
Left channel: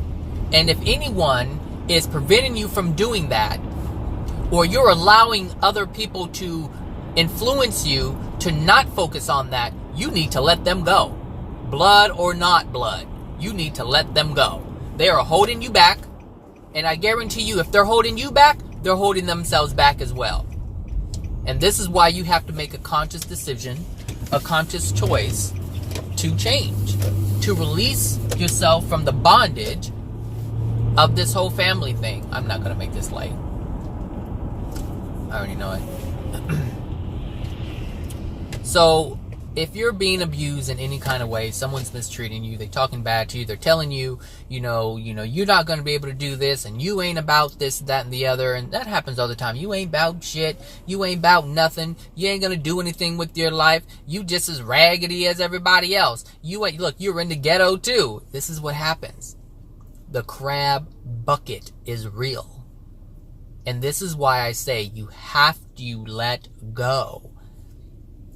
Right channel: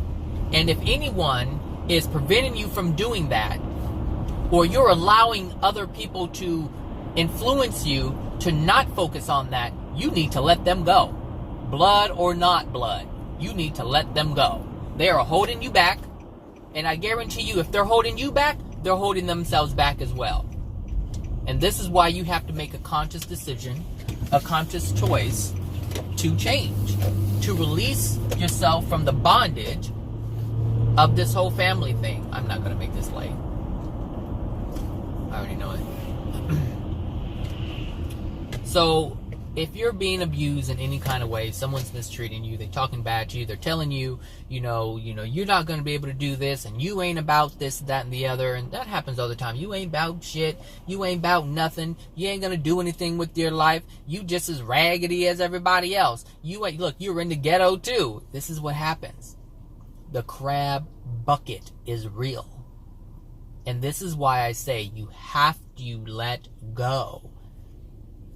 And if anyone is preventing you from doing that, or you're allowing other people to influence you to not focus on that, you need to let them go. Blood or not blood, you need to let them go. They are holding you back, and I guarantee you, if they're holding you back, they're holding themselves back as well. And this is why you have to make a conscious decision, a conscious choice to change, to release yourself from the bondage of this whole family thing. I'm not going to make this late. I already know it. So, if you're being abused in any kind of way, someone's mistreating you, they're talking bad to you, they're telling you, you're not going to be able to do this, and you ain't about this, that, and the other, and that happens all the time. You ain't about shit. You ain't about nothing. You ain't going to do anything with your life. You just as raggedy as everybody else. Look, you're in the ghetto too. This is what happens. The crab bucket is real. And this is why I say you have to let go.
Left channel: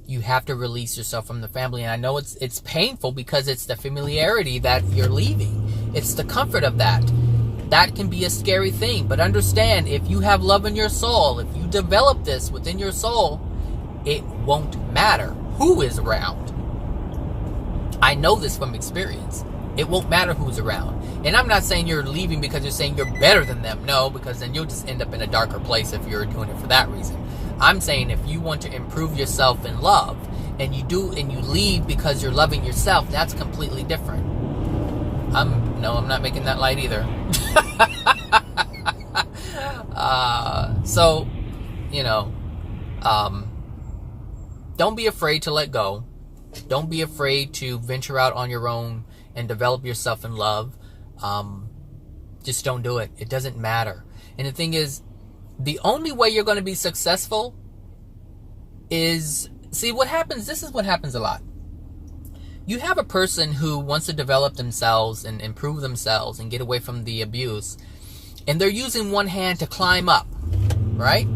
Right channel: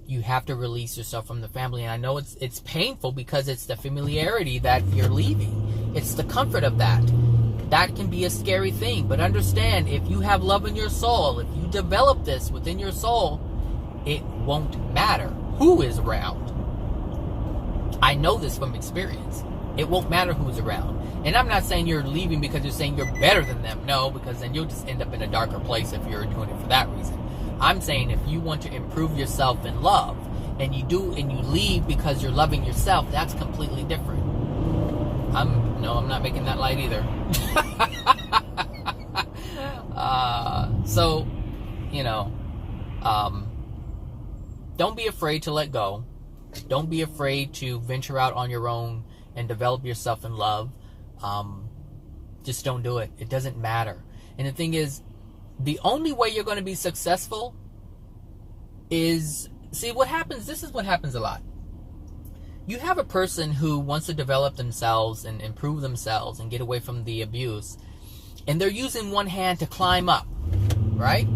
You have to release yourself from the family. And I know it's painful because it's the familiarity that you're leaving. It's the comfort of that. That can be a scary thing. But understand, if you have love in your soul, if you develop this within your soul, it won't matter who is around. I know this from experience. It won't matter who's around. And I'm not saying you're leaving because you're saying you're better than them. No, because then you'll just end up in a darker place if you're doing it for that reason. I'm saying if you want to improve yourself in love, and you do, and you leave because you're loving yourself, that's completely different. I'm not making that light either. So, don't be afraid to let go. Don't be afraid to venture out on your own and develop yourself in love. Just don't do it. It doesn't matter. And the thing is, the only way you're going to be successful is, see what happens, this is what happens a lot. You have a person who wants to develop themselves and improve themselves and get away from the abuse, and they're using one hand to climb up, right?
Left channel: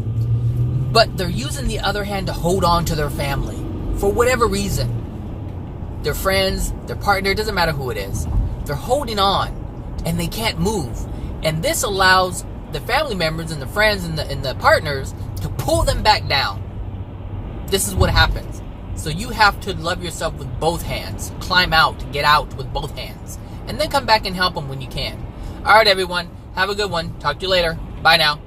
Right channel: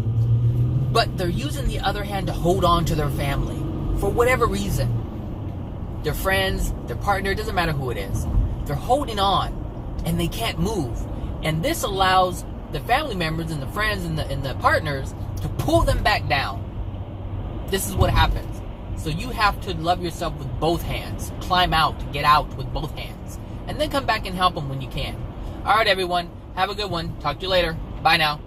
But they're using the other hand to hold on to their family for whatever reason. Their friends, their partner, it doesn't matter who it is. They're holding on and they can't move. And this allows the family members and the friends and the partners to pull them back down. This is what happens. So you have to love yourself with both hands. Climb out, get out with both hands. And then come back and help them when you can. All right, everyone. Have a good one. Talk to you later. Bye now.